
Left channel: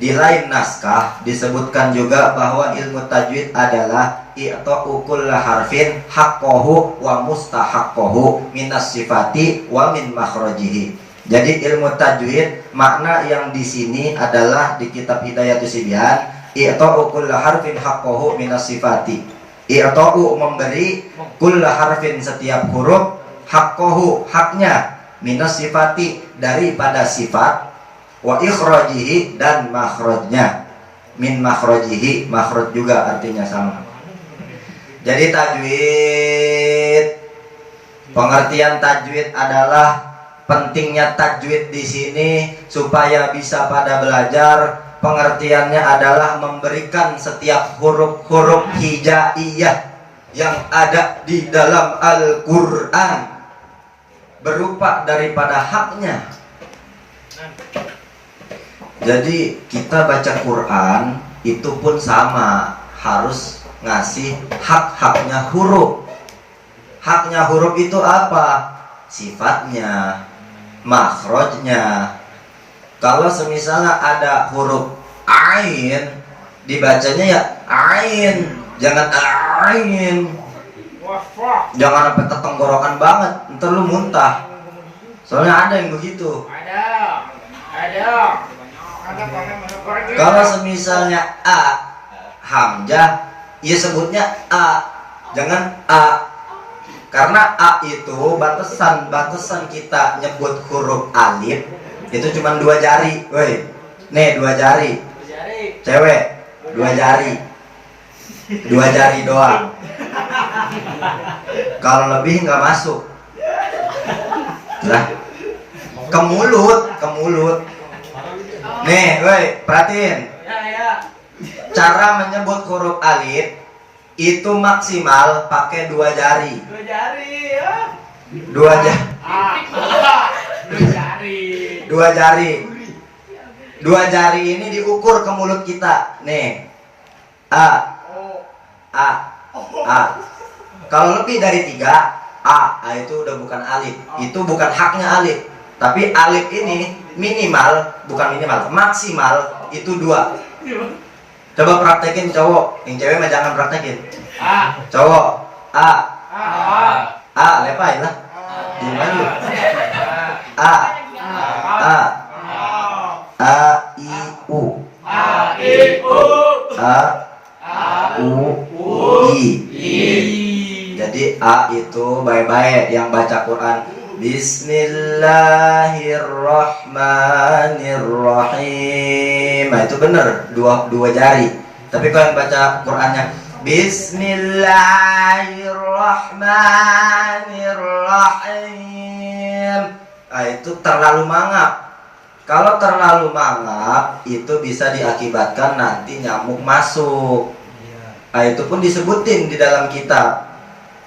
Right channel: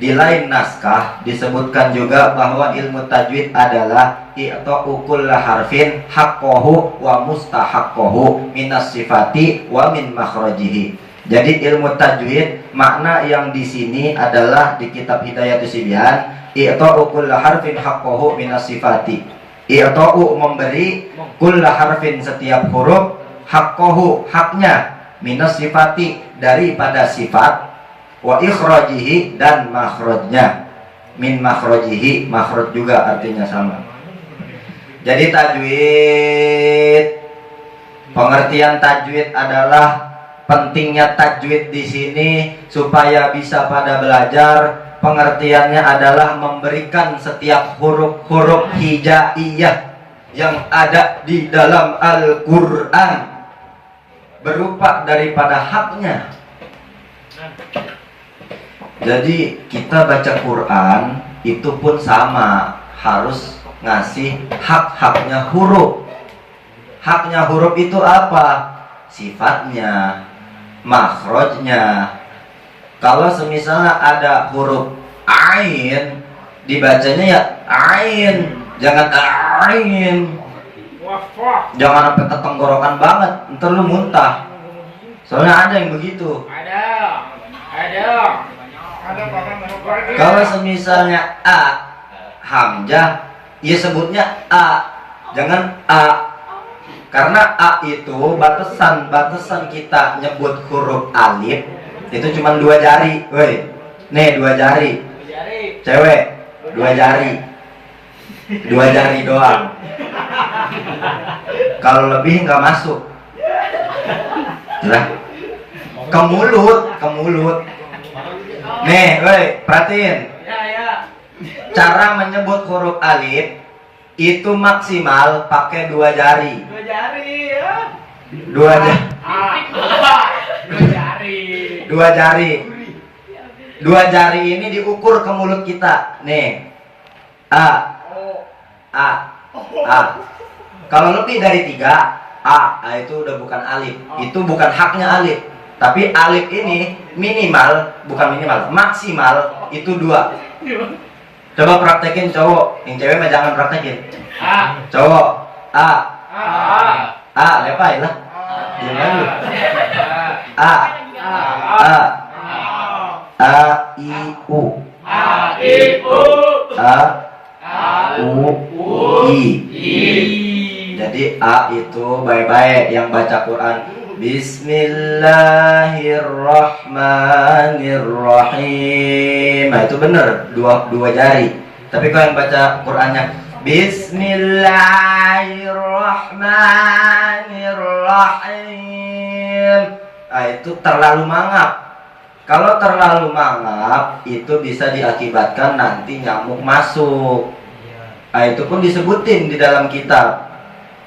Di lain naskah disebutkan juga bahwa ilmu tajwid adalah i'ta'u kulla harfin haqqahu wa mustahaqqahu minas sifati wa min makhrajihi. Jadi ilmu tajwid makna yang di sini adalah di kitab Hidayatus Sibyan, i'ta'u kulla harfin haqqahu minas sifati. I'ta'u memberi, kulla harfin setiap huruf, haqqahu haknya, minas sifati daripada sifat, wa ikhrajihi dan makhrajnya, min makhrajihi, makhraj juga artinya sama. Jadi tajwid, pengertian tajwid adalah pentingnya tajwid di sini supaya bisa pada belajar. Pengertiannya adalah memberikan setiap huruf-huruf hijaiyah yang ada di dalam Al-Quran berupa daripada haknya. Jadi kita baca Quran itu pun sama, harus ngasih hak-haknya huruf. Haknya huruf itu apa? Sifatnya, makhrajnya. Kalau semisalnya ada huruf ain, dibacanya ya ain, jangan ain. Jangan sampai ketenggorokan banget, ntar lu muntah. Soalnya ada yang begitu. Ada. Kalau semisalnya a hamzah, ya sebutnya a, jangan a. Karena a itu batasan kita nyebut huruf alif itu cuma 2 jari, woi. Nih 2 jari. Cewek 2 jari. 2 jari doang. Kalau lebih nggak masuk. Lah. Ke mulut. Nih, woi, perhatiin. Cara menyebut huruf alif itu maksimal pakai 2 jari. 2 jari ya. 2 jari ini diukur ke mulut kita. Nih. A. Kalau lebih dari 3 A itu udah bukan alif. Itu bukan haknya alif. Tapi alif ini maksimal itu 2. Coba praktekin cowok, yang cewek mah jangan praktekin. Cowok lepai lah. Gimana? I U I. Jadi A itu baik-baik yang baca Quran Bismillahirrahmanirrahim. Nah itu bener, 2 jari. Tapi kalau yang baca Qurannya Bismillahirrahmanirrahim, nah itu terlalu mangap. Kalau terlalu mangap itu bisa diakibatkan nanti nyamuk masuk. Nah, itu pun disebutin di dalam kitab.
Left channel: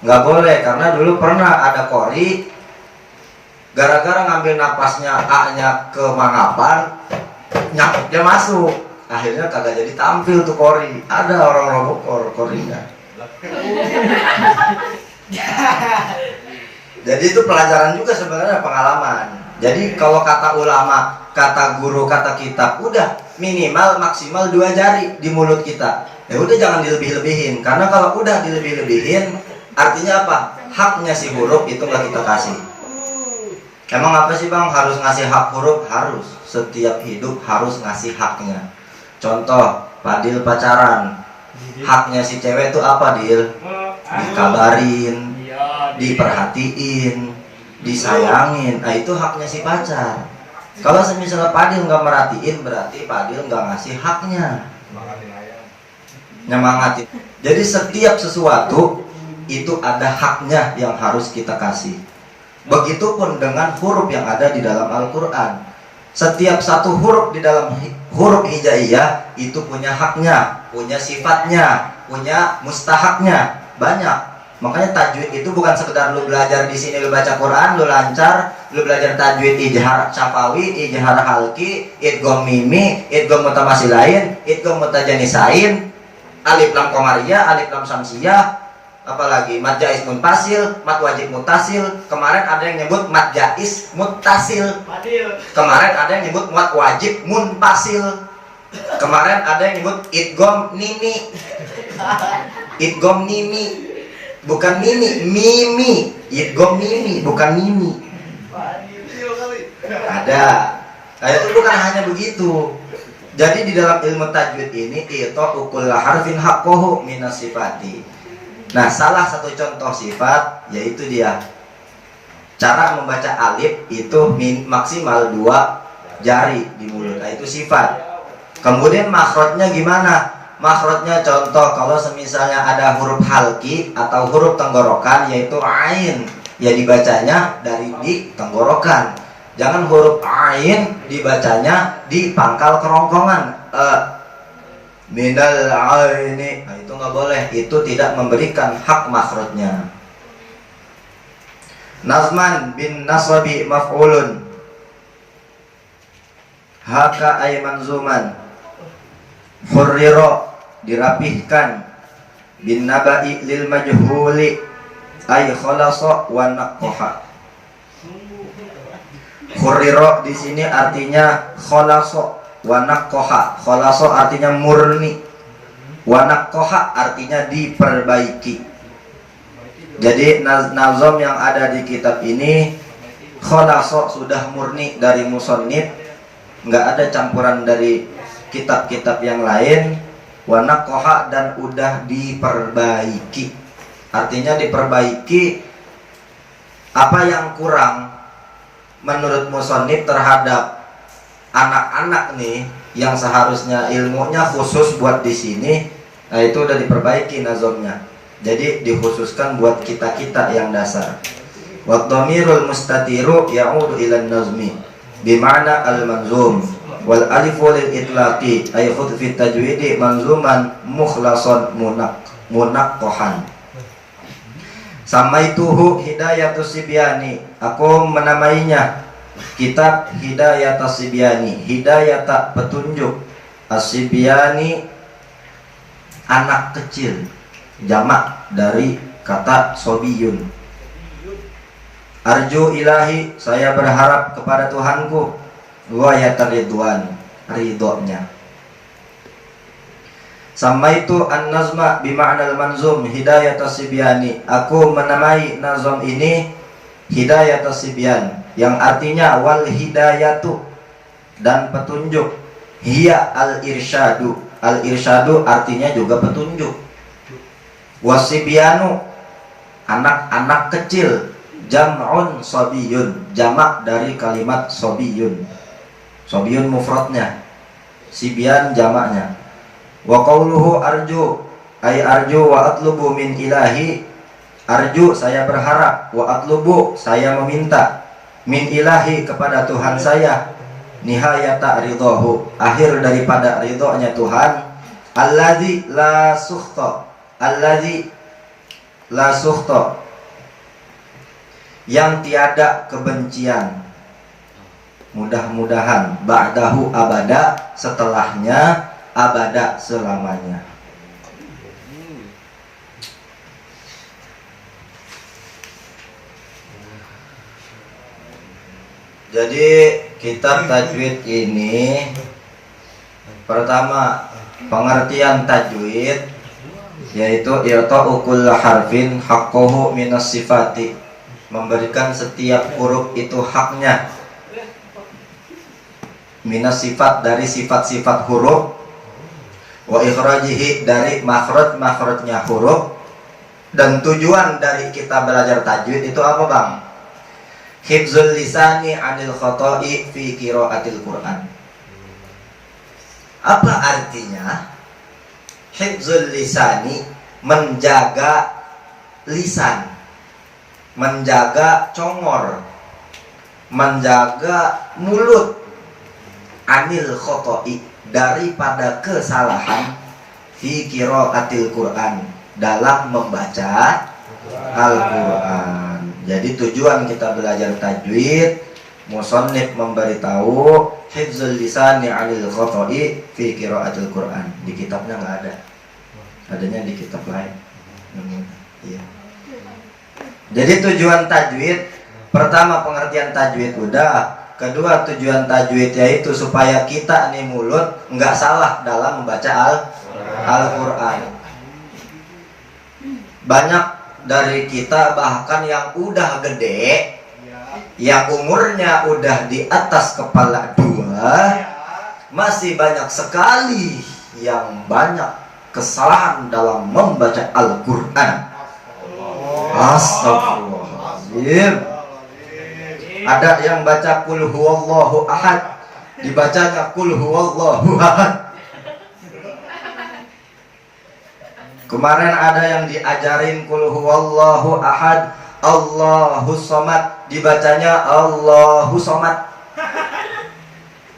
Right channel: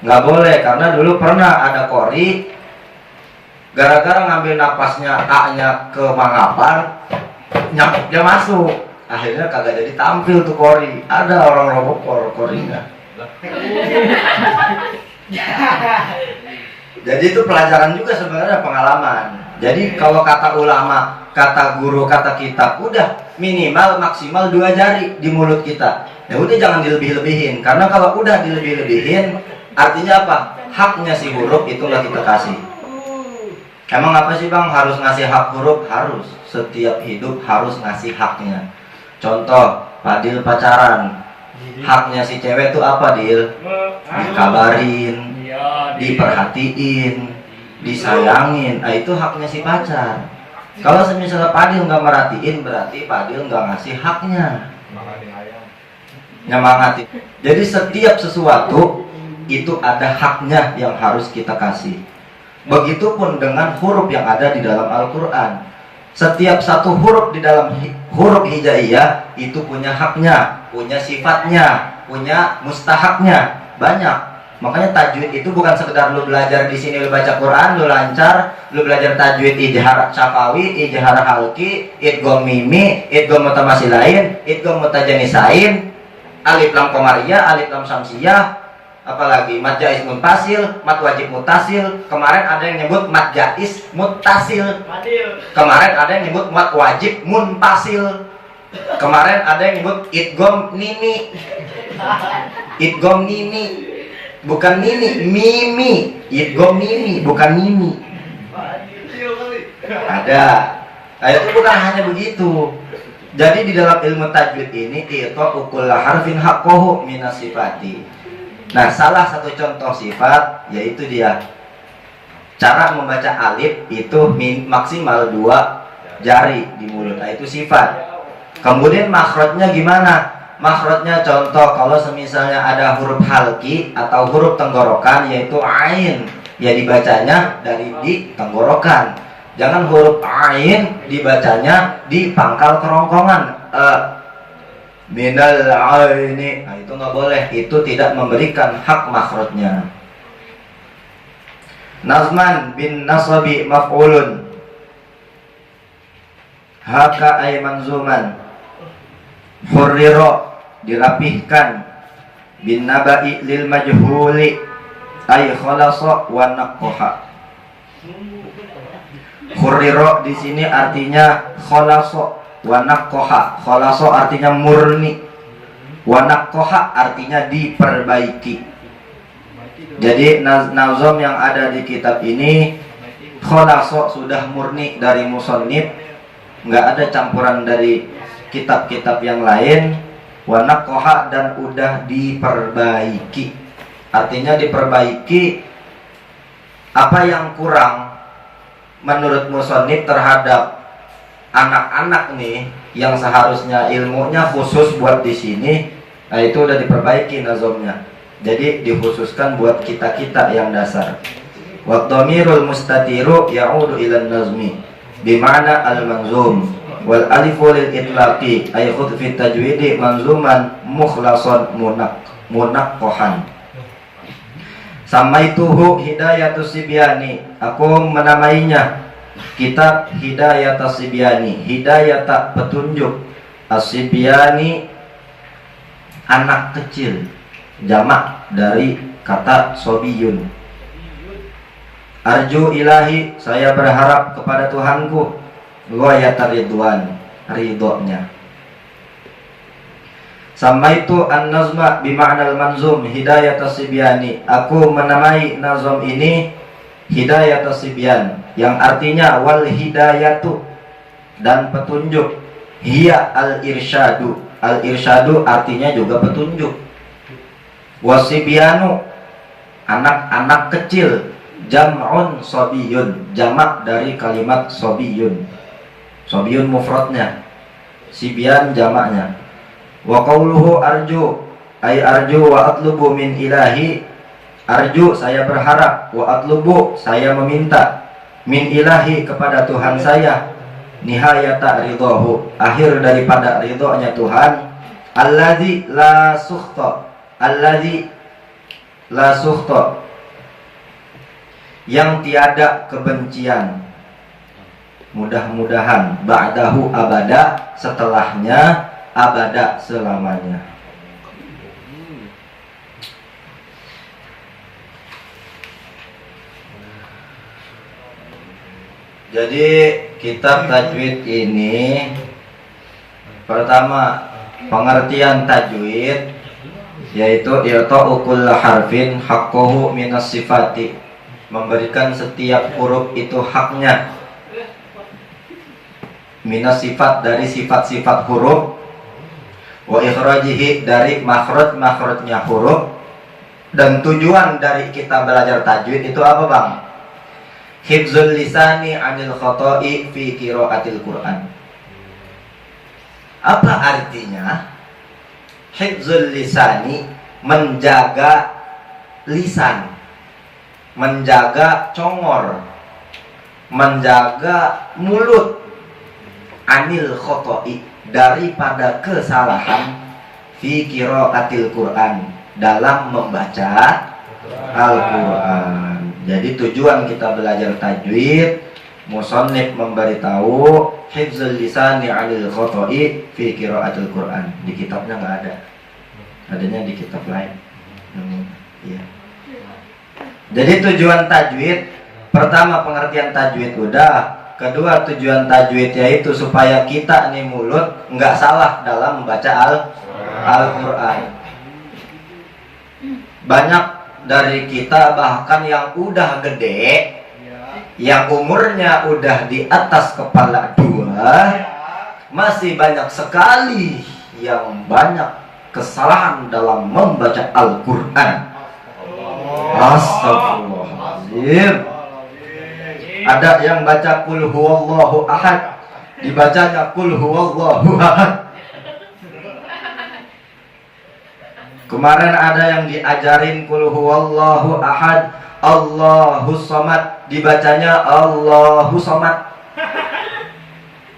Nggak boleh, karena dulu pernah ada kori gara-gara ngambil napasnya A-nya ke mangapan, nyamuknya masuk. Akhirnya kagak jadi tampil tuh kori. Ada orang robok korinya. Jadi itu pelajaran juga sebenarnya, pengalaman. Jadi kalau kata ulama, kata guru, kata kitab, udah minimal maksimal 2 jari di mulut kita. Ya udah jangan dilebih-lebihin, karena kalau udah dilebih-lebihin artinya apa? Haknya si huruf itu nggak kita kasih. Emang apa sih bang harus ngasih hak huruf? Harus. Setiap hidup harus ngasih haknya. Contoh, Padil pacaran, haknya si cewek tuh apa, Dil? Dikabarin, diperhatiin, disayangin. Nah itu haknya si pacar. Kalau misalnya Padil nggak merhatiin, berarti Padil nggak ngasih haknya. Nyemangatin. Jadi setiap sesuatu itu ada haknya yang harus kita kasih. Begitupun dengan huruf yang ada di dalam Al-Quran. Setiap satu huruf di dalam huruf hijaiyah itu punya haknya, punya sifatnya, punya mustahaknya. Banyak. Makanya tajwid itu bukan sekedar lu belajar di sini lu baca Quran, lu lancar, lu belajar tajwid ijhar syafawi, ijhar halki, idgham mimi, idgham mutamasilain, idgham mutajanisain, alif lam qamariyah, alif lam samsiyah, apalagi mad jaiz muntasil, mad wajib mutasil. Kemarin ada yang nyebut mad jaiz mutasil. Kemarin ada yang nyebut mad wajib muntasil. Kemarin ada yang nyebut idgham nini. Idgham nini. Bukan nini, mimi. Idgham mimi, bukan mimi. Ada. Nah, itu bukan hanya begitu. Jadi di dalam ilmu tajwid ini itu ukul harfin haqqahu minas sifati. Nah, salah satu contoh sifat yaitu dia cara membaca alif itu maksimal 2 jari di mulut. Nah, itu sifat. Kemudian makhrajnya gimana? Makhrajnya contoh kalau semisalnya ada huruf halki atau huruf tenggorokan yaitu ain, ya dibacanya dari di tenggorokan. Jangan huruf ain dibacanya di pangkal kerongkongan. Minal aini, nah itu nggak boleh, itu tidak memberikan hak makhrajnya. Nazman bin nasabi maf'ulun, haka ay manzuman, hurriro dirapihkan, bin nabai lil majhuli ay khalasa wa naqqaha. Hurriro di sini artinya khalasa, wa naqqaha. Khalasa artinya murni, wa naqqaha artinya diperbaiki. Jadi nazam yang ada di kitab ini khalasa sudah murni dari musannif, nggak ada campuran dari kitab-kitab yang lain. Wa naqqaha dan udah diperbaiki. Artinya diperbaiki apa yang kurang menurut musannif terhadap anak-anak nih yang seharusnya ilmunya khusus buat di sini. Nah, itu udah diperbaiki nazamnya. Jadi dikhususkan buat kita-kita yang dasar. Wa dhamirul mustatiru ya'udu ilan nazmi bima'na al-manzum wal alifu lil itlaqi ay khudh fi tajwidi manzuman mukhlasan munaqqahan. Samaituhu hidayatus sibyani, aku menamainya kitab hidayatus sibyani, hidayata petunjuk, as-sibyani anak kecil, jamak dari kata sobiyun. Arju ilahi, saya berharap kepada Tuhanku, ghayatar ridwan, ridhonya. Samaitu an-nazma bima'nal manzum hidayatus sibyani, aku menamai nazam ini hidayatus sibyan, yang artinya wal hidayatu, dan petunjuk. Hiya al-irsyadu, al-irsyadu artinya juga petunjuk. Wasibyanu, anak-anak kecil. Jam'un sobiyun, jamak dari kalimat sobiyun. Sobiyun mufradnya, sibyan jamaknya. Wa qawluhu arju, ay arju wa atlubu min ilahi. Arju saya berharap, wa atlubu saya meminta, min ilahi kepada Tuhan saya. nihayata ridhahu, akhir daripada ridhonya Tuhan. Alladzi la sukhta, alladzi la sukhta, yang tiada kebencian, mudah-mudahan, ba'dahu abada, setelahnya abada, selamanya. Jadi kitab tajwid ini, pertama pengertian tajwid yaitu i'ta'u kulli harfin haqqahu minas sifati, memberikan setiap huruf itu haknya, minas sifat, dari sifat-sifat huruf, wa ikhrajihi, dari makhraj-makhrajnya huruf. Dan tujuan dari kita belajar tajwid itu apa, Bang? Hifzul lisani 'anil khata'i fi qiraatil Qur'an. Apa artinya? Hifzul lisani, menjaga lisan, menjaga congor, menjaga mulut, 'anil khata'i, daripada kesalahan, fi qiraatil Qur'an, dalam membaca Al-Qur'an. Jadi tujuan kita belajar tajwid, musannif memberitahu hifzul lisani 'anil khata'i fi qiraatil Qur'an. Di kitabnya nggak ada, adanya di kitab lain. Iya. Jadi tujuan tajwid, pertama pengertian tajwid udah, kedua tujuan tajwid yaitu supaya kita nih mulut nggak salah dalam membaca Al-Qur'an. Banyak dari kita bahkan yang udah gede, yang umurnya udah di atas kepala 2, masih banyak sekali yang banyak kesalahan dalam membaca Al-Qur'an. Astagfirullahaladzim. Ada yang baca qul huwallahu ahad, dibacanya qul huwallahu ahad. Kemarin ada yang diajarin qul huwallahu ahad, Allahus somad, dibacanya Allahu somad.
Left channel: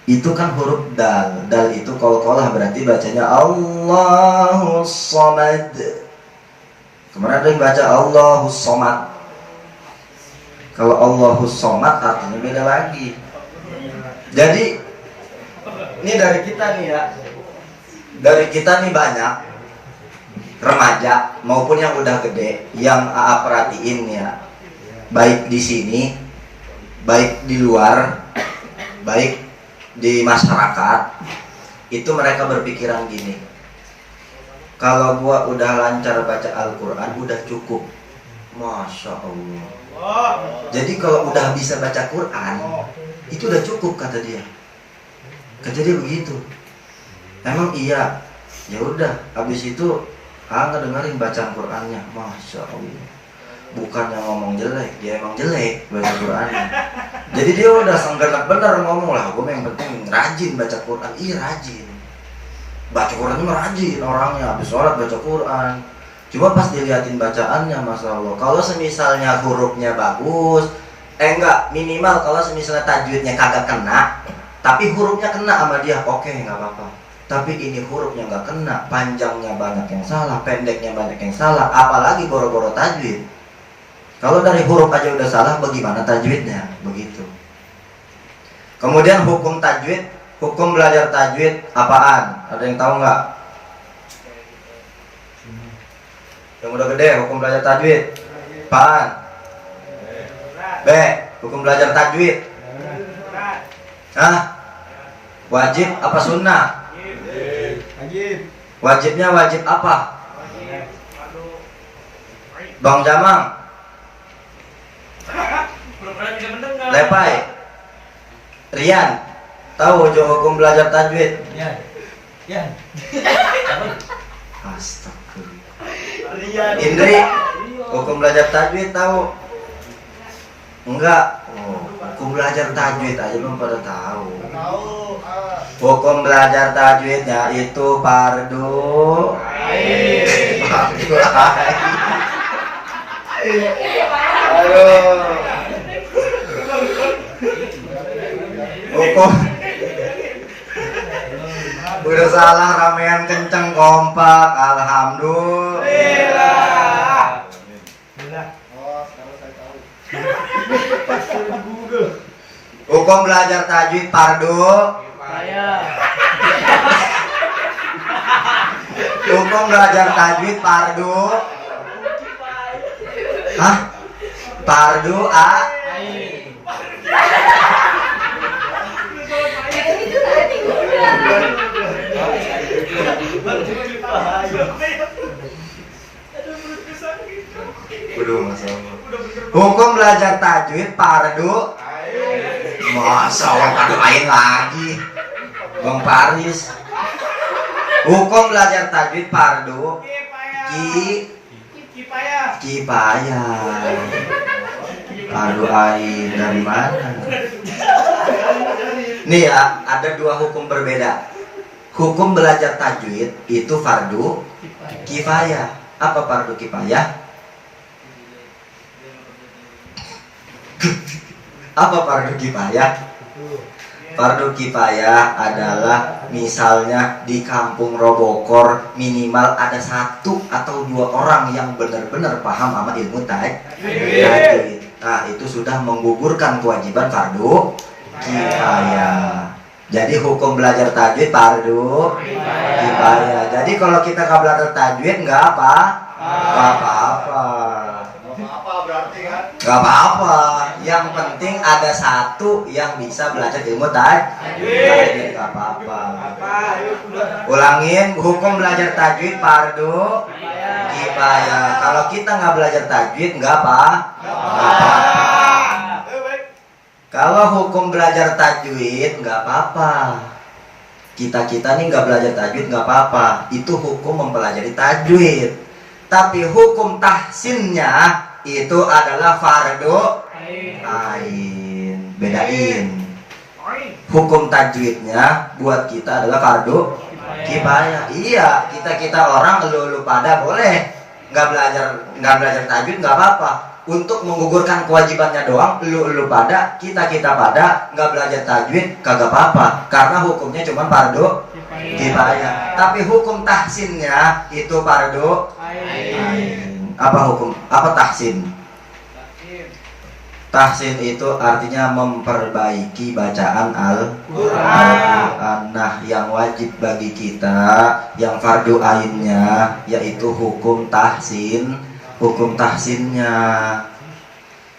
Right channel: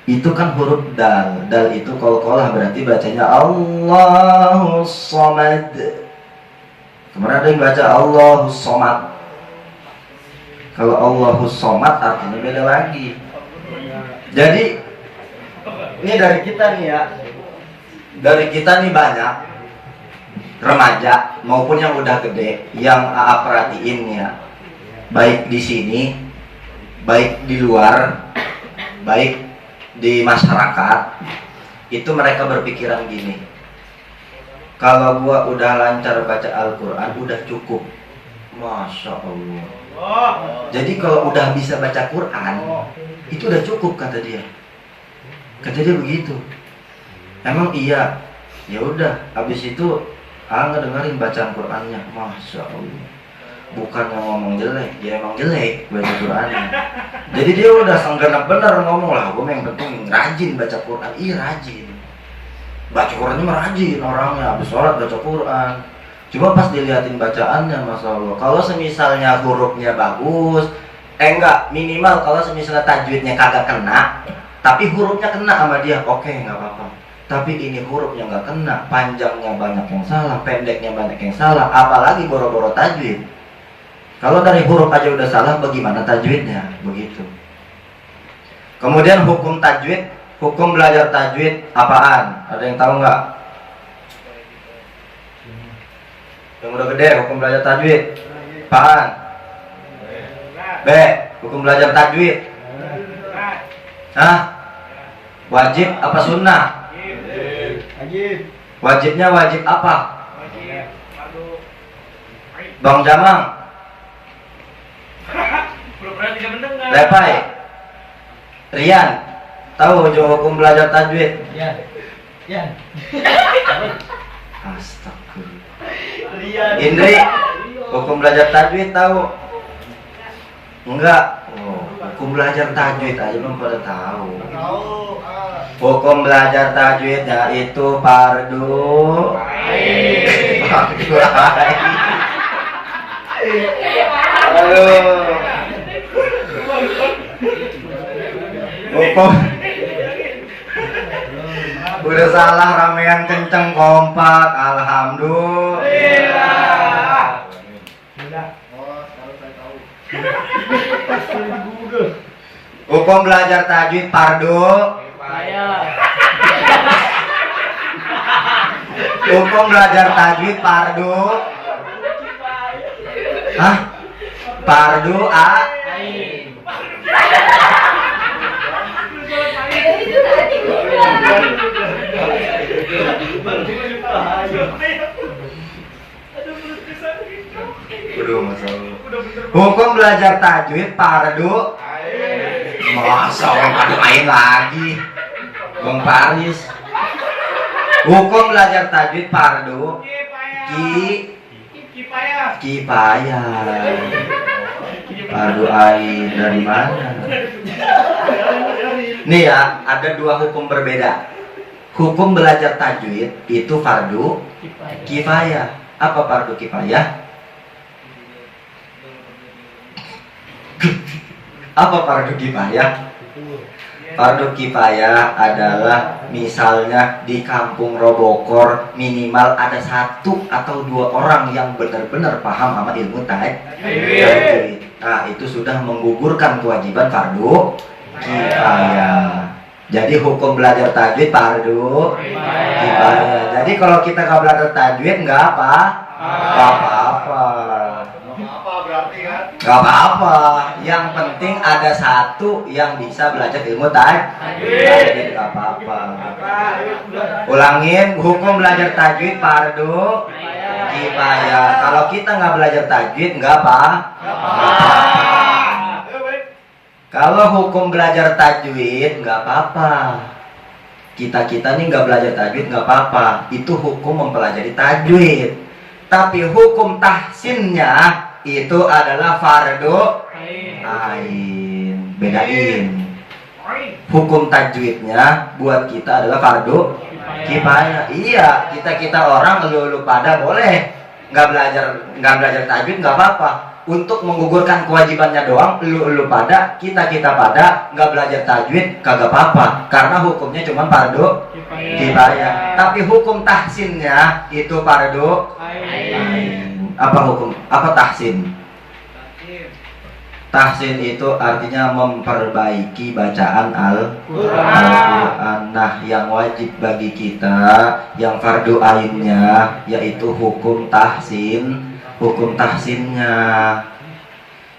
Itu kan huruf dal. Dal itu qalqalah, berarti bacanya Allahus somad. Kemarin ada yang baca Allahus somad. Kalau Allahus somad artinya beda lagi. Jadi ini dari kita nih ya, dari kita nih banyak remaja maupun yang udah gede yang AA perhatiin ya, baik di sini, baik di luar, baik di masyarakat, itu mereka berpikiran gini, kalau gua udah lancar baca Al-Quran udah cukup. Masya Allah. Jadi kalau udah bisa baca Quran itu udah cukup, kata dia. Kata dia begitu. Emang iya? Ya udah, habis itu ngedengerin bacaan Qur'annya, Masya Allah. Bukannya ngomong jelek, dia emang jelek baca Qur'annya. Jadi dia udah senggenap bener ngomong lah, gue yang penting rajin baca Qur'an. Iya rajin, baca Qur'annya mah rajin orangnya, habis sholat baca Qur'an. Cuma pas diliatin bacaannya, Masya Allah, kalau semisalnya hurufnya bagus, enggak, minimal kalau semisalnya tajwidnya kagak kena, tapi hurufnya kena sama dia, oke, nggak apa-apa. Tapi ini hurufnya nggak kena, panjangnya banyak yang salah, pendeknya banyak yang salah, apalagi boro-boro tajwid. Kalau dari huruf aja udah salah, bagaimana tajwidnya? Begitu. Kemudian hukum tajwid, hukum belajar tajwid apaan? Ada yang tahu nggak? Yang udah gede, hukum belajar tajwid apaan? B. Hukum belajar tajwid. Hah? Wajib apa sunnah? Wajibnya wajib apa? Bang Jamang, Lepai, Rian, tahu hukum belajar tajwid? Ya. Astagfirullah. Indri, hukum belajar tajwid tahu? Enggak. Oh, hukum belajar tajwid aja belum pada tahu. Hukum belajar tajwidnya itu fardu ain. Halo. Udah salah ramean kenceng kompak. Alhamdulillah. Hukum belajar tajwid fardu. Hukum belajar tajwid fardu. Hah? Fardu ain. Hukum belajar tajwid fardu. Masa fardu ain lagi, Bang Paris. Hukum belajar tajwid fardu kifayah. Fardu ain dari mana? Nih ya, ada dua hukum berbeda. Hukum belajar tajwid itu fardu kifayah. Apa fardu kifayah? Apa fardu kifayah? Fardu kifayah adalah misalnya di kampung Robokor minimal ada 1 atau 2 orang yang benar-benar paham sama ilmu tajwid. Nah, itu sudah menggugurkan kewajiban fardu kifayah. Jadi hukum belajar tajwid fardu kifayah. Jadi kalau kita nggak belajar tajwid nggak apa-apa. Gak apa-apa, yang penting ada 1 yang bisa belajar ilmu tajwid. Gak apa-apa. Ulangin, hukum belajar tajwid fardu kifayah. Kalau kita nggak belajar tajwid nggak apa-apa. Kalau hukum belajar tajwid nggak apa-apa. Kita nih nggak belajar tajwid nggak apa-apa. Itu hukum mempelajari tajwid. Tapi hukum tahsinnya itu adalah fardu ain. Bedain. Hukum tajwidnya buat kita adalah fardu kifayah. Iya, kita orang lu pada boleh nggak belajar tajwid nggak apa-apa. Untuk menggugurkan kewajibannya doang, lu pada kita pada nggak belajar tajwid kagak apa-apa. Karena hukumnya cuma fardu kifayah. Tapi hukum tahsinnya itu fardu ain. Apa tahsin? Tahsin itu artinya memperbaiki bacaan Al-Quran. Nah, yang wajib bagi kita, yang fardu ainnya yaitu hukum tahsin. Hukum tahsinnya.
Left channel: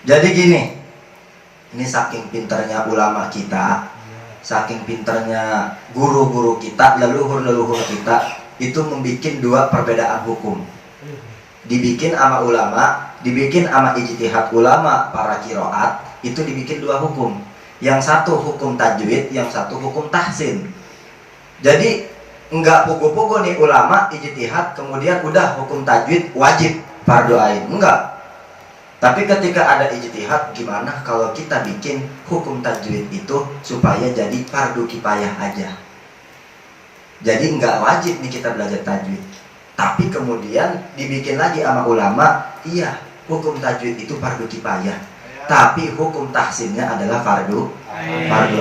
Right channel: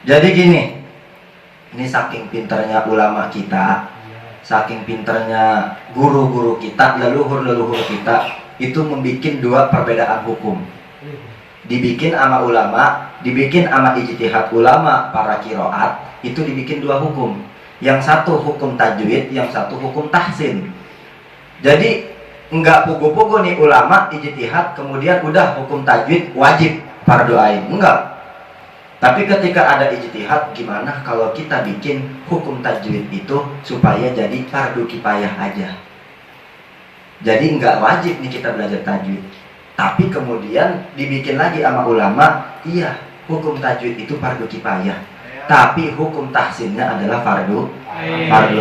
Jadi gini, ini saking pinternya ulama kita, saking pinternya guru-guru kita, leluhur kita, itu membuat 2 perbedaan hukum. Dibikin sama ulama, dibikin sama ijtihad ulama para kiroat, itu dibikin 2 hukum. Yang satu hukum tajwid, yang satu hukum tahsin. Jadi enggak pugu-pugu nih ulama ijtihad kemudian udah hukum tajwid wajib fardu ain, enggak. Tapi ketika ada ijtihad, gimana kalau kita bikin hukum tajwid itu supaya jadi fardu kifayah aja. Jadi enggak wajib nih kita belajar tajwid. Tapi kemudian dibikin lagi sama ulama, iya, hukum tajwid itu fardu kifayah. Tapi hukum tahsinnya adalah fardu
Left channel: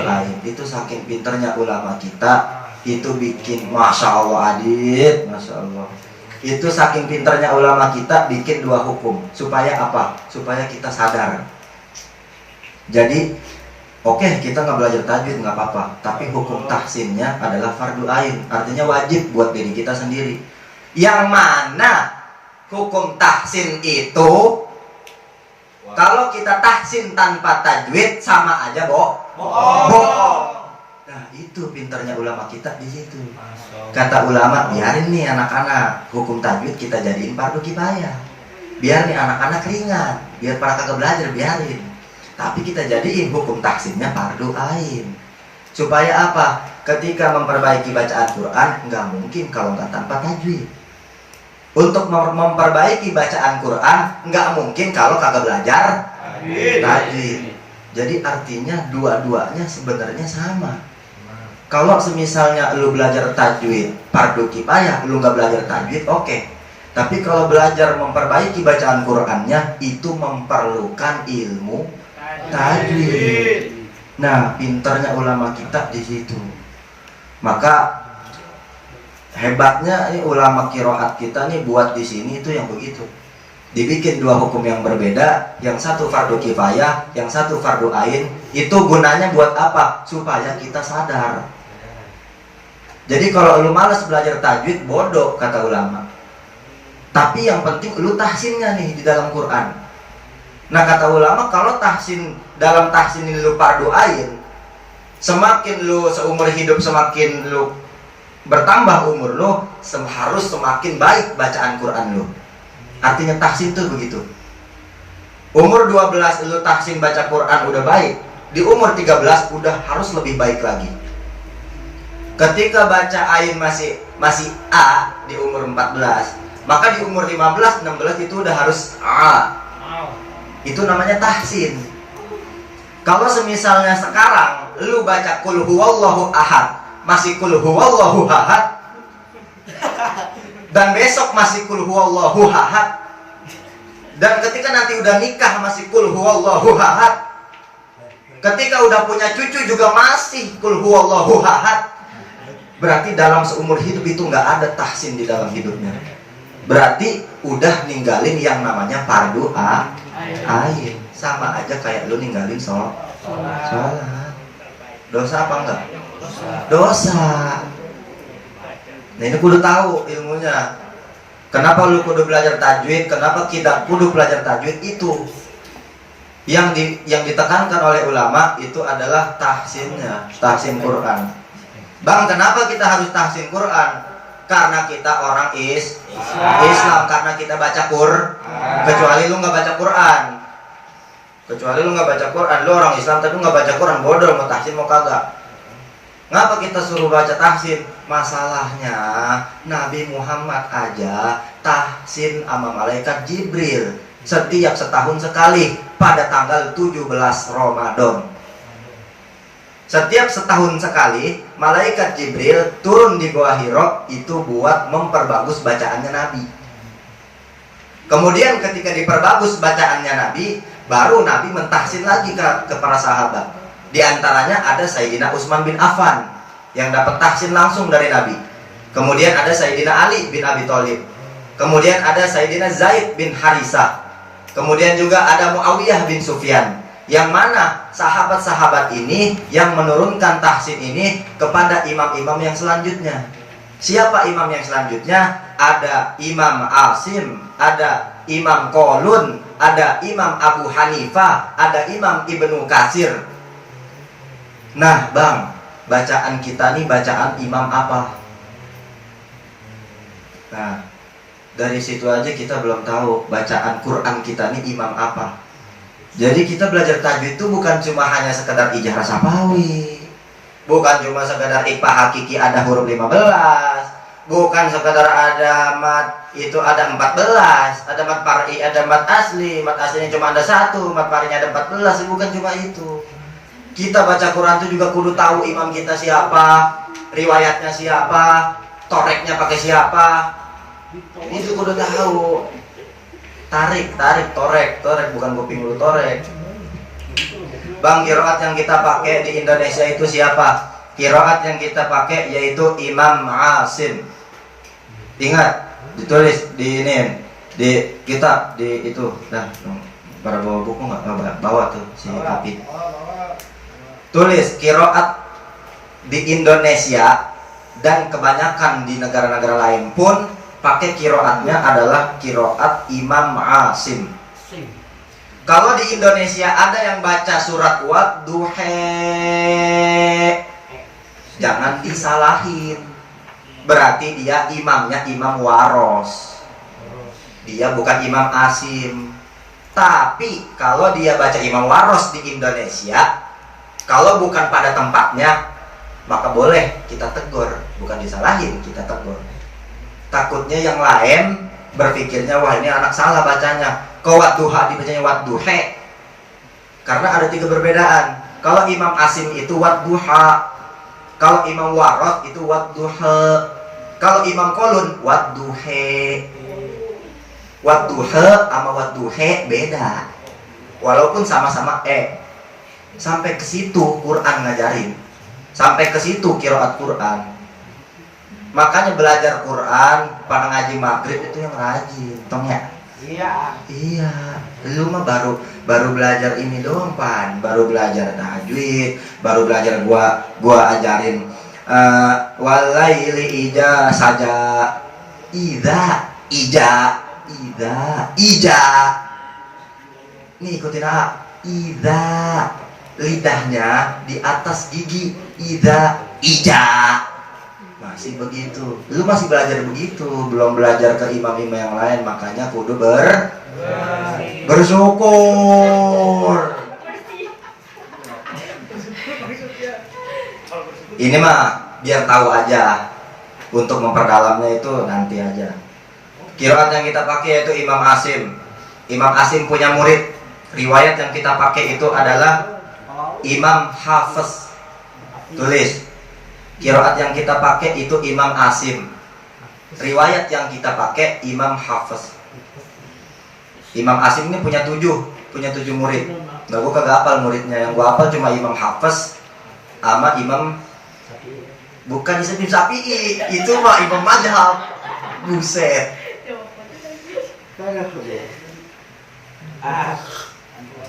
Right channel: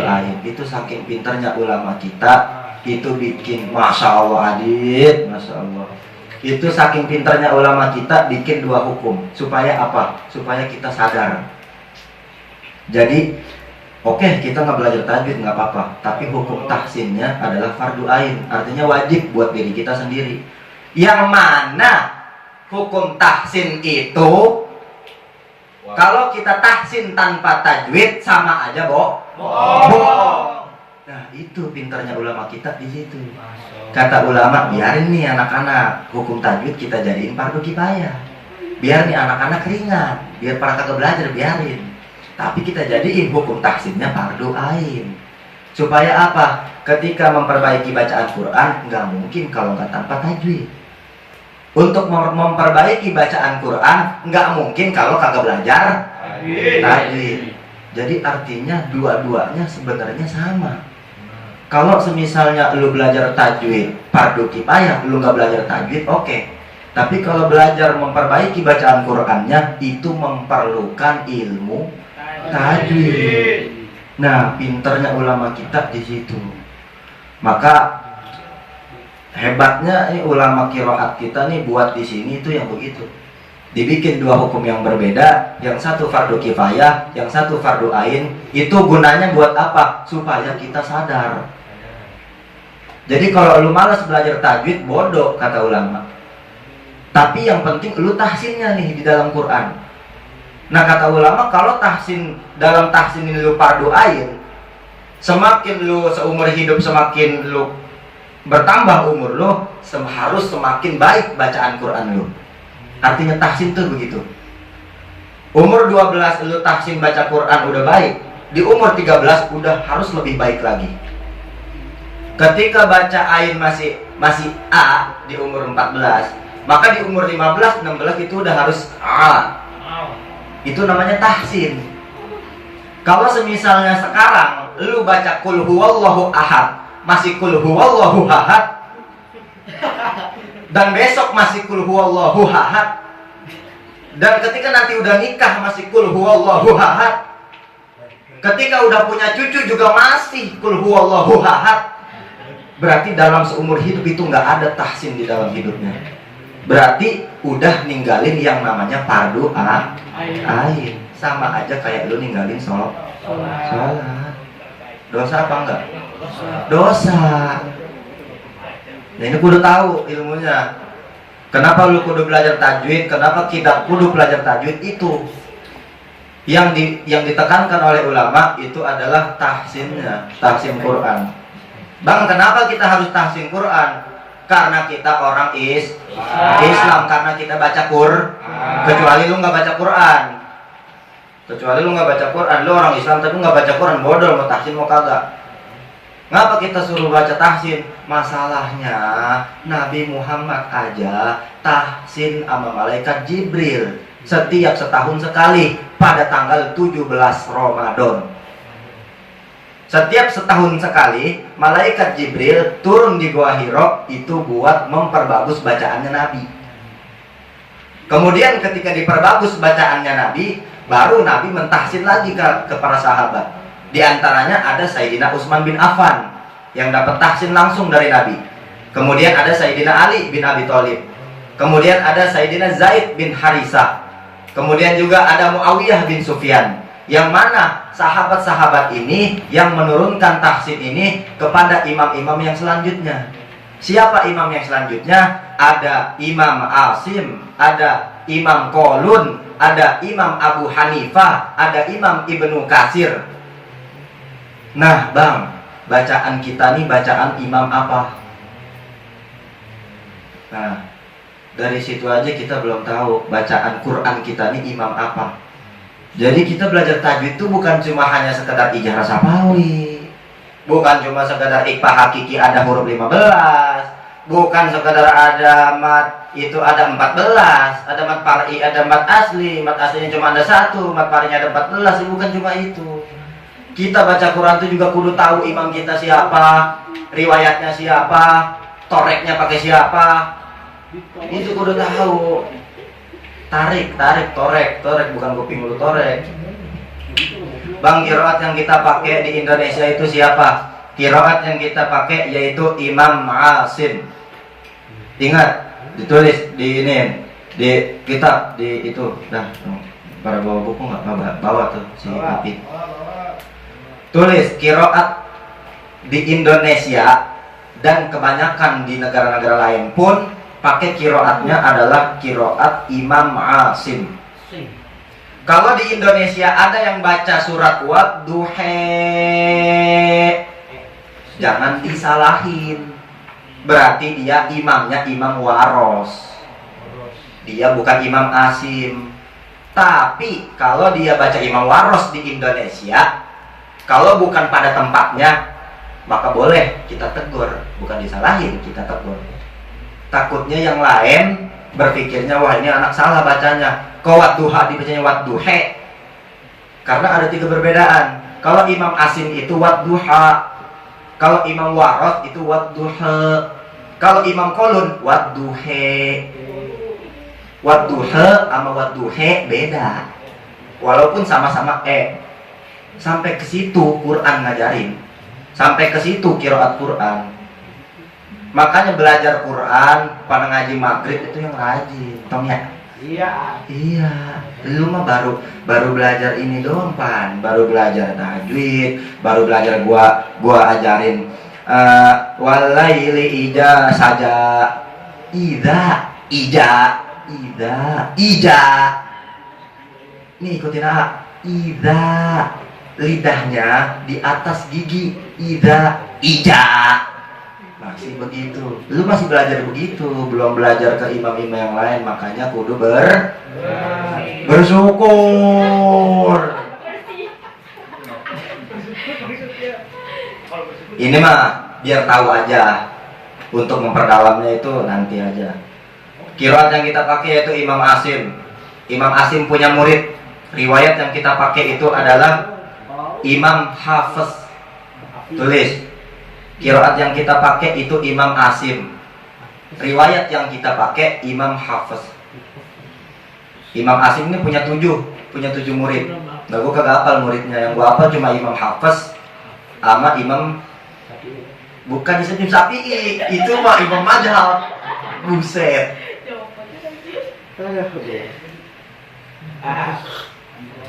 ain. Itu saking pinternya ulama kita, itu bikin, masya Allah Adit, masya Allah. Itu saking pinternya ulama kita bikin 2 hukum. Supaya apa? Supaya kita sadar. Jadi, oke, kita nggak belajar tajwid nggak apa-apa. Tapi hukum tahsinnya adalah fardu ain. Artinya wajib buat diri kita sendiri. Yang mana hukum tahsin itu kalau kita tahsin tanpa tajwid sama aja bohong. Nah, itu pinternya ulama kita di situ. Kata ulama, biarin nih anak-anak hukum tajwid kita jadiin fardu kifayah. Biar nih anak-anak ringan, biar para kagak belajar biarin. Tapi kita jadiin hukum tahsinnya fardu ain. Supaya apa? Ketika memperbaiki bacaan Quran nggak mungkin kalau nggak tanpa tajwid. Untuk memperbaiki bacaan Quran nggak mungkin kalau kagak belajar tajwid. Jadi artinya dua-duanya sebenarnya sama. Kalau semisalnya lu belajar tajwid fardu kifayah, lu nggak belajar tajwid, oke. Tapi kalau belajar memperbaiki bacaan Qurannya itu memerlukan ilmu tajwid. Nah, pinternya ulama kita di situ. Maka Hebatnya ini ulama kiroat kita nih buat di sini itu yang begitu. Dibikin dua hukum yang berbeda, yang satu fardu kifayah, yang satu fardu ain. Itu gunanya buat apa? Supaya kita sadar. Jadi kalau lu malas belajar tajwid, bodoh kata ulama. Tapi yang penting lu tahsinnya nih di dalam Quran. Nah kata ulama, kalau dalam tahsin ini lu fardu ain, semakin lu seumur hidup, semakin lu bertambah umur lu, harus semakin baik bacaan Quran lu. Artinya tahsin tuh begitu. Umur 12 lu tahsin baca Quran udah baik, di umur 13 udah harus lebih baik lagi. Ketika baca ain masih A di umur 14, maka di umur 15, 16 itu udah harus A. Itu namanya tahsin. Kalau semisalnya sekarang lu baca kul huwallahu ahad, masih kul huwallahu ahad, dan besok masih kul huwallahu ahad, dan ketika nanti udah nikah masih kul huwallahu ahad, ketika udah punya cucu juga masih kul huwallahu ahad, berarti dalam seumur hidup itu nggak ada tahsin di dalam hidupnya. Berarti udah ninggalin yang namanya fardu ain. Sama aja kayak lu ninggalin sholat. Dosa apa enggak? Dosa. Nah ini kudu tahu ilmunya. Kenapa lu kudu belajar tajwid? Kenapa kita kudu belajar tajwid? Itu yang ditekankan oleh ulama itu adalah tahsinnya, tahsin Quran. Bang, kenapa kita harus tahsin Quran? Karena kita orang Islam, karena kita baca Quran. Kecuali lu nggak baca Quran. Kecuali lu nggak baca Quran, lu orang Islam tapi nggak baca Quran, bodoh, mau tahsin mau kagak. Ngapa kita suruh baca tahsin? Masalahnya Nabi Muhammad aja tahsin sama malaikat Jibril setiap setahun sekali pada tanggal 17 Ramadan. Setiap setahun sekali malaikat Jibril turun di Gua Hiro itu buat memperbagus bacaannya Nabi. Kemudian ketika diperbagus bacaannya Nabi, baru Nabi mentahsin lagi ke para sahabat. Di antaranya ada Sayyidina Utsman bin Affan yang dapat tahsin langsung dari Nabi. Kemudian ada Sayyidina Ali bin Abi Thalib. Kemudian ada Sayyidina Zaid bin Harisah. Kemudian juga ada Muawiyah bin Sufyan. Yang mana sahabat-sahabat ini yang menurunkan tahsin ini kepada imam-imam yang selanjutnya. Siapa imam yang selanjutnya? Ada Imam Asim, ada Imam Qalun, ada Imam Abu Hanifah, ada Imam Ibnu Katsir. Nah bang, bacaan kita nih bacaan imam apa? Nah dari situ aja kita belum tahu bacaan Quran kita nih imam apa. Jadi kita belajar tajwid itu bukan cuma hanya sekedar ijazah sapawi, bukan cuma sekedar iqfa hakiki ada huruf 15, bukan sekedar ada mat itu ada 14, ada mat far'i, ada mat aslinya cuma ada 1, mat far'inya ada 14, bukan cuma itu. Kita baca Quran itu juga kudu tahu imam kita siapa, riwayatnya siapa, toreknya pakai siapa. Itu kudu tahu. Tarik, torek bukan kuping lu torek. Bang, kiroat yang kita pakai di Indonesia itu siapa? Kiroat yang kita pakai yaitu Imam Asim. Ingat, ditulis di ini, di kitab, di itu. Dah, para bawa buku nggak bawa tuh si Apit. Tulis kiroat di Indonesia dan kebanyakan di negara-negara lain pun pakai kiroatnya adalah kiroat Imam Asim. Kalau di Indonesia ada yang baca surat Wadduha, jangan disalahin. Berarti dia imamnya Imam Waros. Dia bukan Imam Asim. Tapi kalau dia baca Imam Waros di Indonesia, kalau bukan pada tempatnya, maka boleh kita tegur. Bukan disalahin, kita tegur. Takutnya yang lain berpikirnya wah ini anak salah bacanya. Kok Wadduha dibacanya Wadduha? Karena ada 3 perbedaan. Kalau Imam Asim itu Wadduha, kalau Imam Waros itu Wadduha, kalau Imam Qalun Wadduha. Wadduha sama Wadduha beda. Walaupun sama-sama Sampai ke situ Quran ngajarin. Sampai ke situ qiraat Quran. Makanya belajar Quran pada ngaji maghrib itu yang rajin, tong ya. Iya, lu mah baru belajar ini doang pan, baru belajar tajwid, baru belajar gua ajarin walaili ija saja, ija. Nih ikutin ida, lidahnya di atas gigi, ija. Masih begitu, lu masih belajar begitu, belum belajar ke imam-imam yang lain, makanya kudu bersyukur. Ini mah biar tahu aja, untuk memperdalamnya itu nanti aja. Qiraat yang kita pakai yaitu Imam Asim. Imam Asim punya murid. Riwayat yang kita pakai itu adalah Imam Hafiz. Tulis. Qiraat yang kita pakai itu Imam Asim. Riwayat yang kita pakai Imam Hafiz. Imam Asim ini punya tujuh murid. Nah, gue kagak hafal muridnya, yang gue hafal cuma Imam Hafiz sama Imam, bukan Imam Syafi'i, itu mah Imam Mazhab. Buset.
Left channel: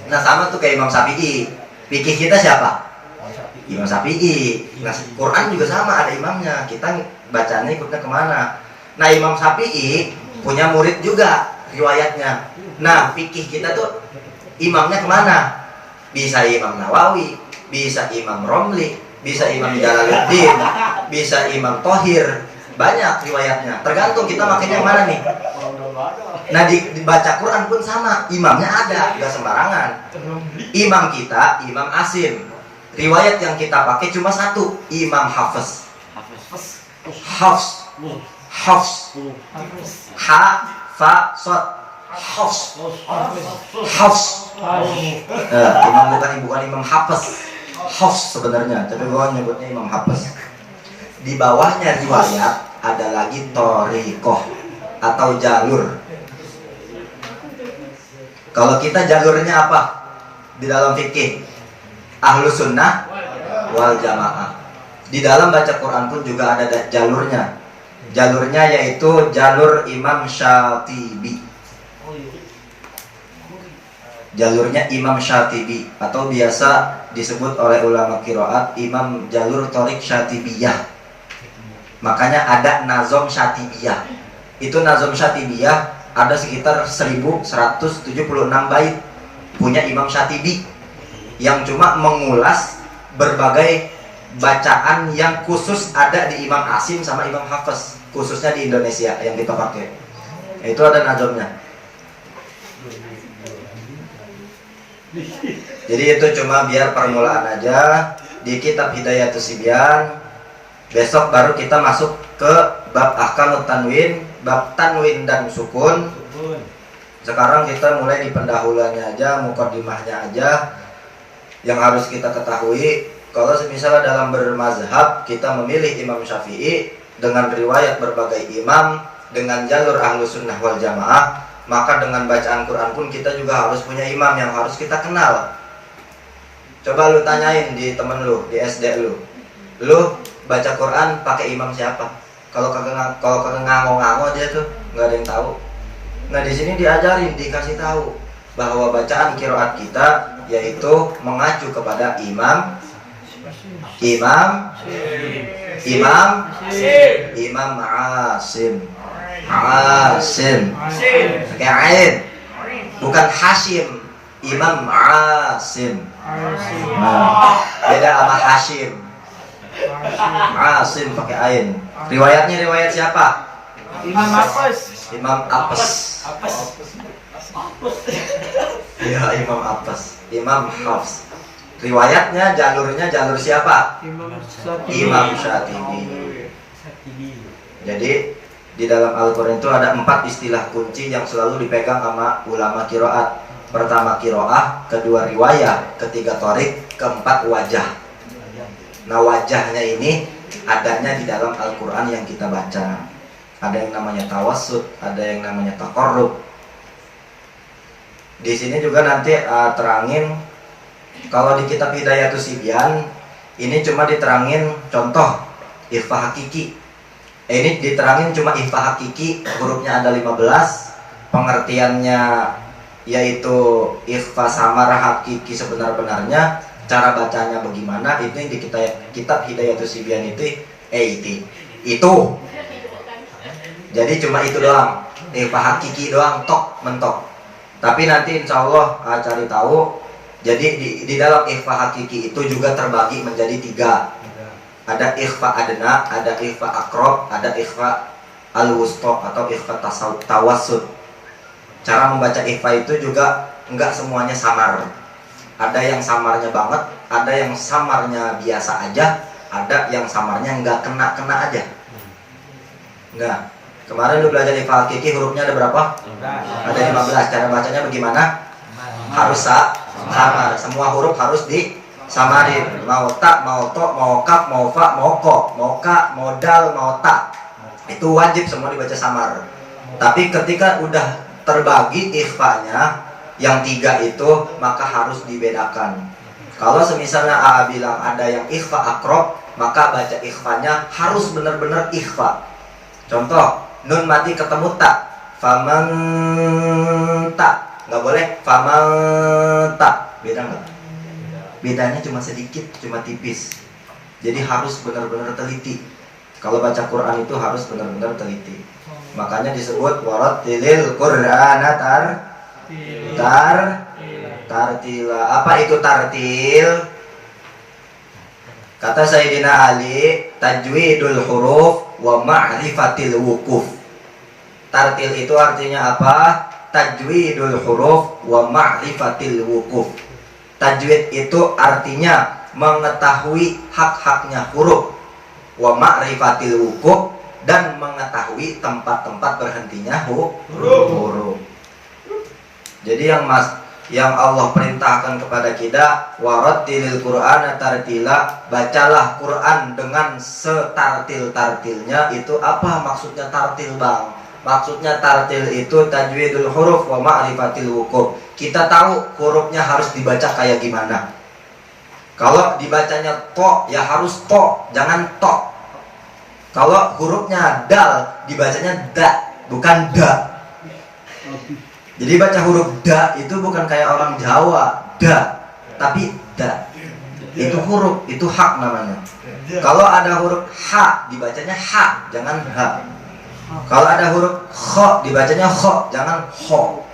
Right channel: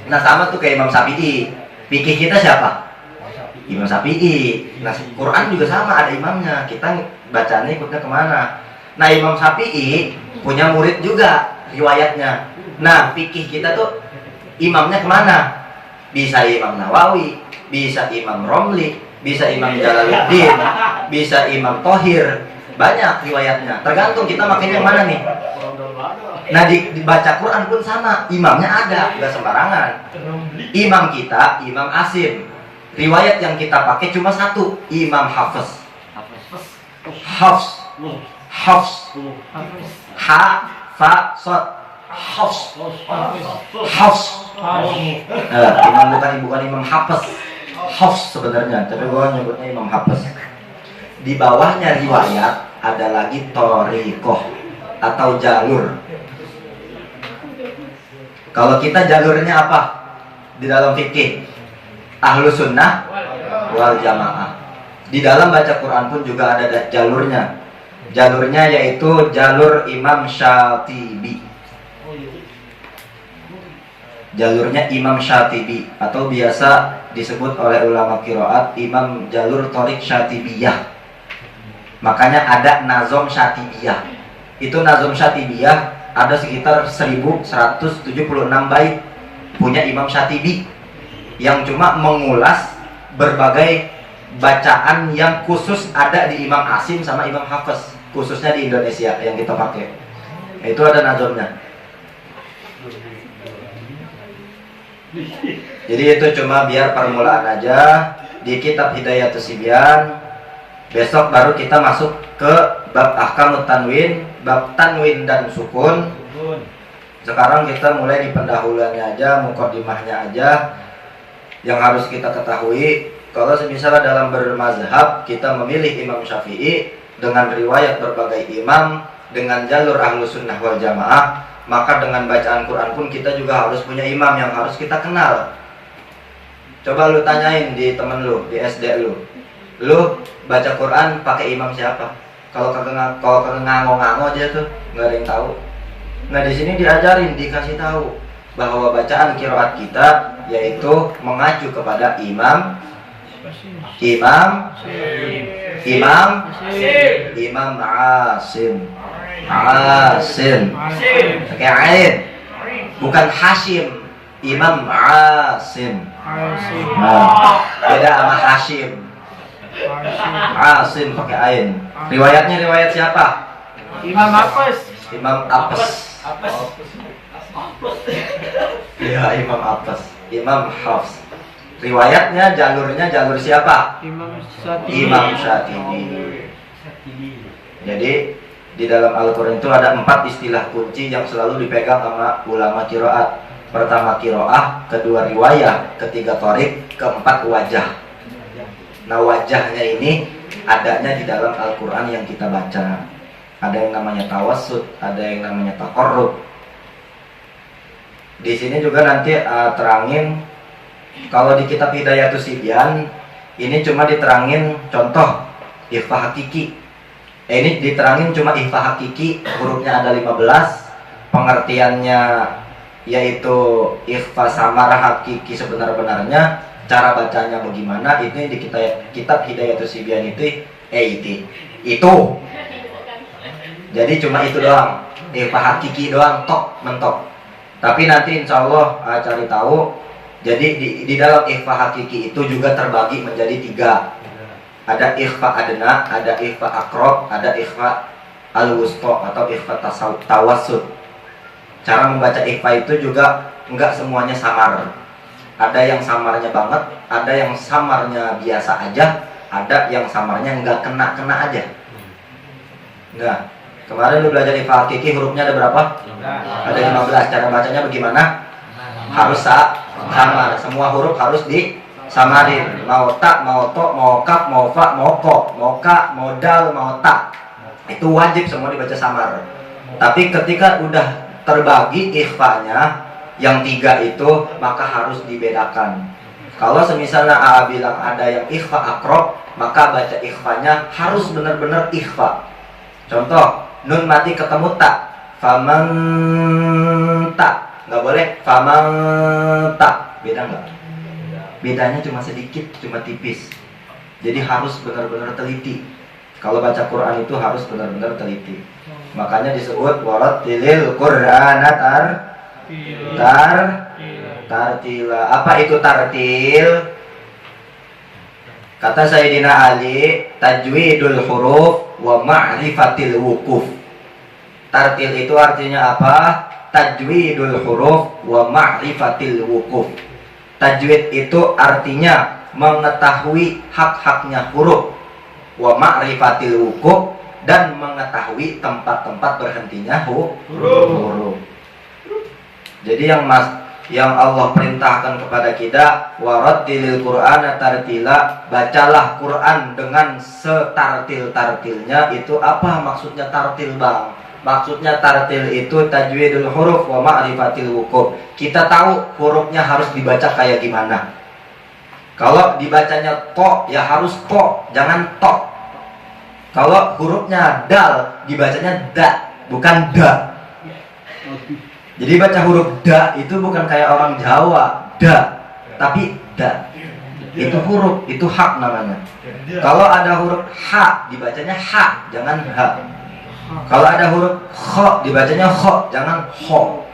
Nah sama tuh kayak Imam Syafi'i. Fikih kita siapa? Imam Syafi'i. Nah Quran juga sama, ada imamnya. Kita bacanya ikutnya kemana? Nah Imam Syafi'i punya murid juga riwayatnya. Nah fikih kita tuh imamnya kemana? Bisa Imam Nawawi, bisa Imam Romli, bisa Imam Jalaluddin, bisa Imam Thohir. Banyak riwayatnya. Tergantung kita makanya yang mana nih. Nah dibaca Quran pun sama, imamnya ada, gak sembarangan. Imam kita Imam Asim. Riwayat yang kita pakai cuma satu, Imam Hafiz. Hafiz. Ha fa sod. Hafiz. Imam bukan Imam Hafiz. Hafiz sebenarnya, tapi gua nyebutnya Imam Hafiz. Di bawahnya riwayat ada lagi thoriqoh atau jalur. Kalau kita jalurnya apa? Di dalam fikih Ahlus Sunnah wal Jamaah. Di dalam baca Quran pun juga ada jalurnya. Jalurnya yaitu jalur Imam Syatibi. Jalurnya Imam Syatibi atau biasa disebut oleh ulama qiraat Imam jalur Thoriq Syatibiyah. Makanya ada Nazom Syatibiyah. Itu Nazom Syatibiyah ada sekitar 1176 bait punya Imam Syatibi, yang cuma mengulas berbagai bacaan yang khusus ada di Imam Asim sama Imam Hafiz, khususnya di Indonesia yang kita pakai. Itu ada nazomnya. Jadi itu cuma biar permulaan aja di kitab Hidayatus Sibyan. Besok baru kita masuk ke bab ahkamut tanwin, bab tanwin dan sukun. Sekarang kita mulai di pendahuluannya aja, muqaddimahnya aja. Yang harus kita ketahui, kalau misalnya dalam bermazhab kita memilih Imam Syafi'i dengan riwayat berbagai imam, dengan jalur Ahlus Sunnah wal Jamaah, maka dengan bacaan Quran pun kita juga harus punya imam yang harus kita kenal. Coba lu tanyain di temen lu, di SD lu baca Quran pakai imam siapa? Kalau kagak ngango-ngango aja tuh, nggak ada yang tahu. Nah di sini diajarin, dikasih tahu bahwa bacaan qiraat kita yaitu mengacu kepada Imam Asim. Pakai ain, bukan Hashim. Imam Asim. Nah, beda sama Hashim. Asim pakai ain. Riwayatnya riwayat siapa? Imam Apes. Imam Apes. Iya, Imam Apes. Imam Hafs. Riwayatnya jalur siapa? Imam Syatibi. Jadi di dalam Al-Quran itu ada 4 istilah kunci yang selalu dipegang sama ulama qiraat. Pertama qiraah, kedua riwayah, ketiga thoriq, keempat wajah. Nah wajahnya ini adanya di dalam Al-Quran yang kita baca. Ada yang namanya tawassut, ada yang namanya taqarrub. Di sini juga nanti terangin, kalau di kitab Hidayatus Sibyan ini cuma diterangin contoh ikhfa hakiki. Ini diterangin cuma ikhfa hakiki, hurufnya ada 15. Pengertiannya yaitu ikhfa samar hakiki sebenar-benarnya. Cara bacanya bagaimana? Ini di kitab Hidayatus Sibyan itu. Jadi cuma itu doang. Ikhfa hakiki doang, tok mentok. Tapi nanti insya Allah cari tahu. Jadi di dalam ikhfa hakiki itu juga terbagi menjadi 3. Ada ikhfa adna, ada ikhfa akrob, ada ikhfa al-wusta atau ikhfa tawassut. Cara membaca ikhfa itu juga enggak semuanya samar. Ada yang samarnya banget, ada yang samarnya biasa aja, ada yang samarnya enggak kena-kena aja. Nah, kemarin lu belajar ikhfa hakiki hurufnya ada berapa? Ada 15. Cara bacanya bagaimana? Harus samar. Semua huruf harus disamarin. Mau ta, mau to, mau kaf, mau fa, mau ko, mau ka, mau dal, mau ta. Itu wajib semua dibaca samar. Tapi ketika udah terbagi ikhfanya yang 3 itu, maka harus dibedakan. Kalau semisalnya A bilang ada yang ikhfa akrob, maka baca ikhfanya harus benar-benar ikhfa. Contoh, nun mati ketemu tak, faman tak, nggak boleh faman tak. Beda nggak? Bedanya cuma sedikit, cuma tipis. Jadi harus benar-benar teliti. Kalau baca Quran itu harus benar-benar teliti. Makanya disebut warattilil Qur'ana tartila. Apa itu tartil? Kata Sayyidina Ali, tajwidul huruf wa ma'rifatil wukuf. Tartil itu artinya apa? Tajwidul huruf wa ma'rifatil wukuf. Tajwid itu artinya mengetahui hak-haknya huruf, wa ma'rifatil wukuf, dan mengetahui tempat-tempat berhentinya huruf. Jadi yang Allah perintahkan kepada kita, warattilil Qur'ana tartila, bacalah Quran dengan setartil-tartilnya. Itu apa maksudnya tartil, Bang? Maksudnya tartil itu tajwidul huruf wa ma'rifatil wukuf. Kita tahu hurufnya harus dibaca kayak gimana. Kalau dibacanya to, ya harus to, jangan to. Kalau hurufnya dal, dibacanya da, bukan da. Jadi baca huruf da itu bukan kayak orang Jawa, da, tapi da. Itu huruf, itu hak namanya. Kalau ada huruf ha, dibacanya ha, jangan ha. Kalau ada huruf kho, dibacanya kho, jangan ho.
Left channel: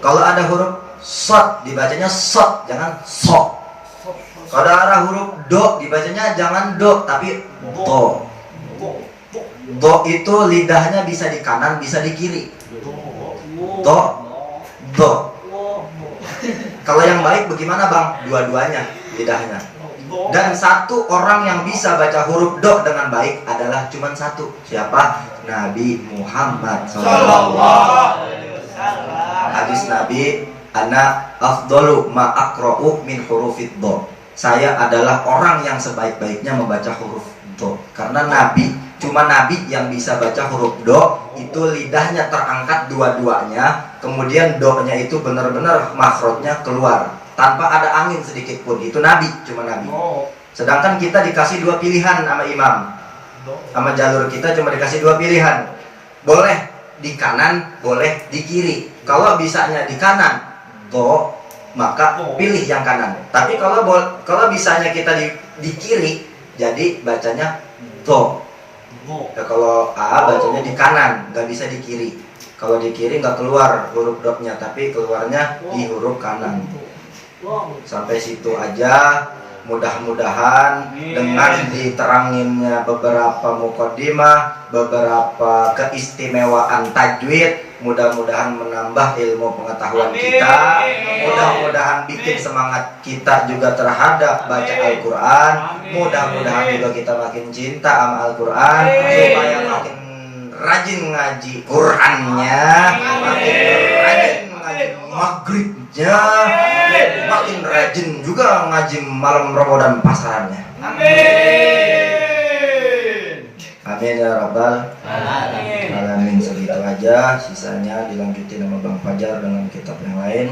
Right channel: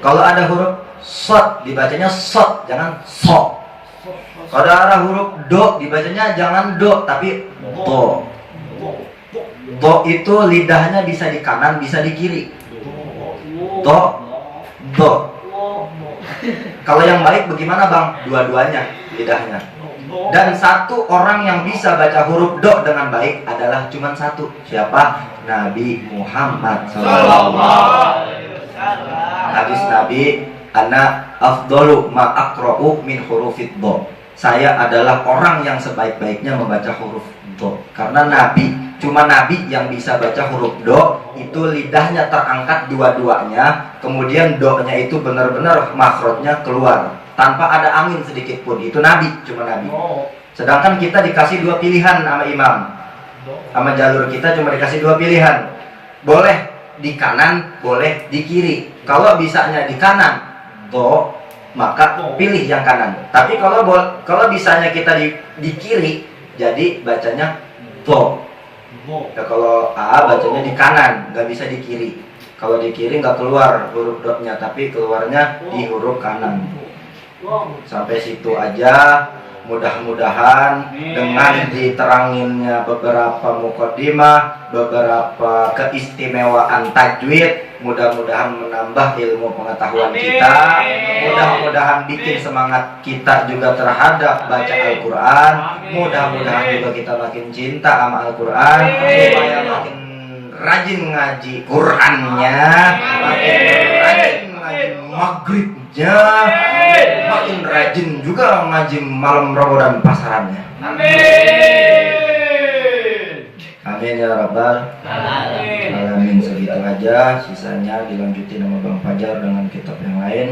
Kalau ada huruf sot, dibacanya sot, jangan so. Kalau ada huruf do, dibacanya jangan do, tapi do. Do itu lidahnya bisa di kanan, bisa di kiri. Do. Kalau yang baik bagaimana, Bang? Dua-duanya lidahnya. Dan satu orang yang bisa baca huruf do dengan baik adalah cuma satu. Siapa? Nabi Muhammad SAW. Hadis Nabi, ana afdalu ma aqra'u min hurufid do. Saya adalah orang yang sebaik-baiknya membaca huruf do. Karena cuma Nabi yang bisa baca huruf do. Itu lidahnya terangkat dua-duanya, kemudian do-nya itu benar-benar makhrajnya keluar tanpa ada angin sedikit pun. Itu Nabi, cuma Nabi. Sedangkan kita dikasih 2 pilihan sama imam, sama jalur kita cuma dikasih 2 pilihan. Boleh di kanan, boleh di kiri. Kalau bisanya di kanan, do, maka pilih yang kanan. Tapi kalau bisanya kita di kiri, jadi bacanya do. Ya, kalau A bacanya di kanan, nggak bisa di kiri. Kalau di kiri nggak keluar huruf dotnya, tapi keluarnya di huruf kanan. Sampai situ aja. Mudah-mudahan dengan diteranginnya beberapa muqaddimah, beberapa keistimewaan tajwid, mudah-mudahan menambah ilmu pengetahuan kita. Mudah-mudahan bikin semangat kita juga terhadap baca Al-Quran. Mudah-mudahan juga kita makin cinta sama Al-Quran, supaya makin rajin ngaji Qurannya, makin rajin ngaji maghribnya, makin rajin juga ngaji malam Ramadan pasarannya. Amin ya rabbal alamin. Segitu aja, sisanya dilanjutin sama Bang Fajar dengan kitab yang lain.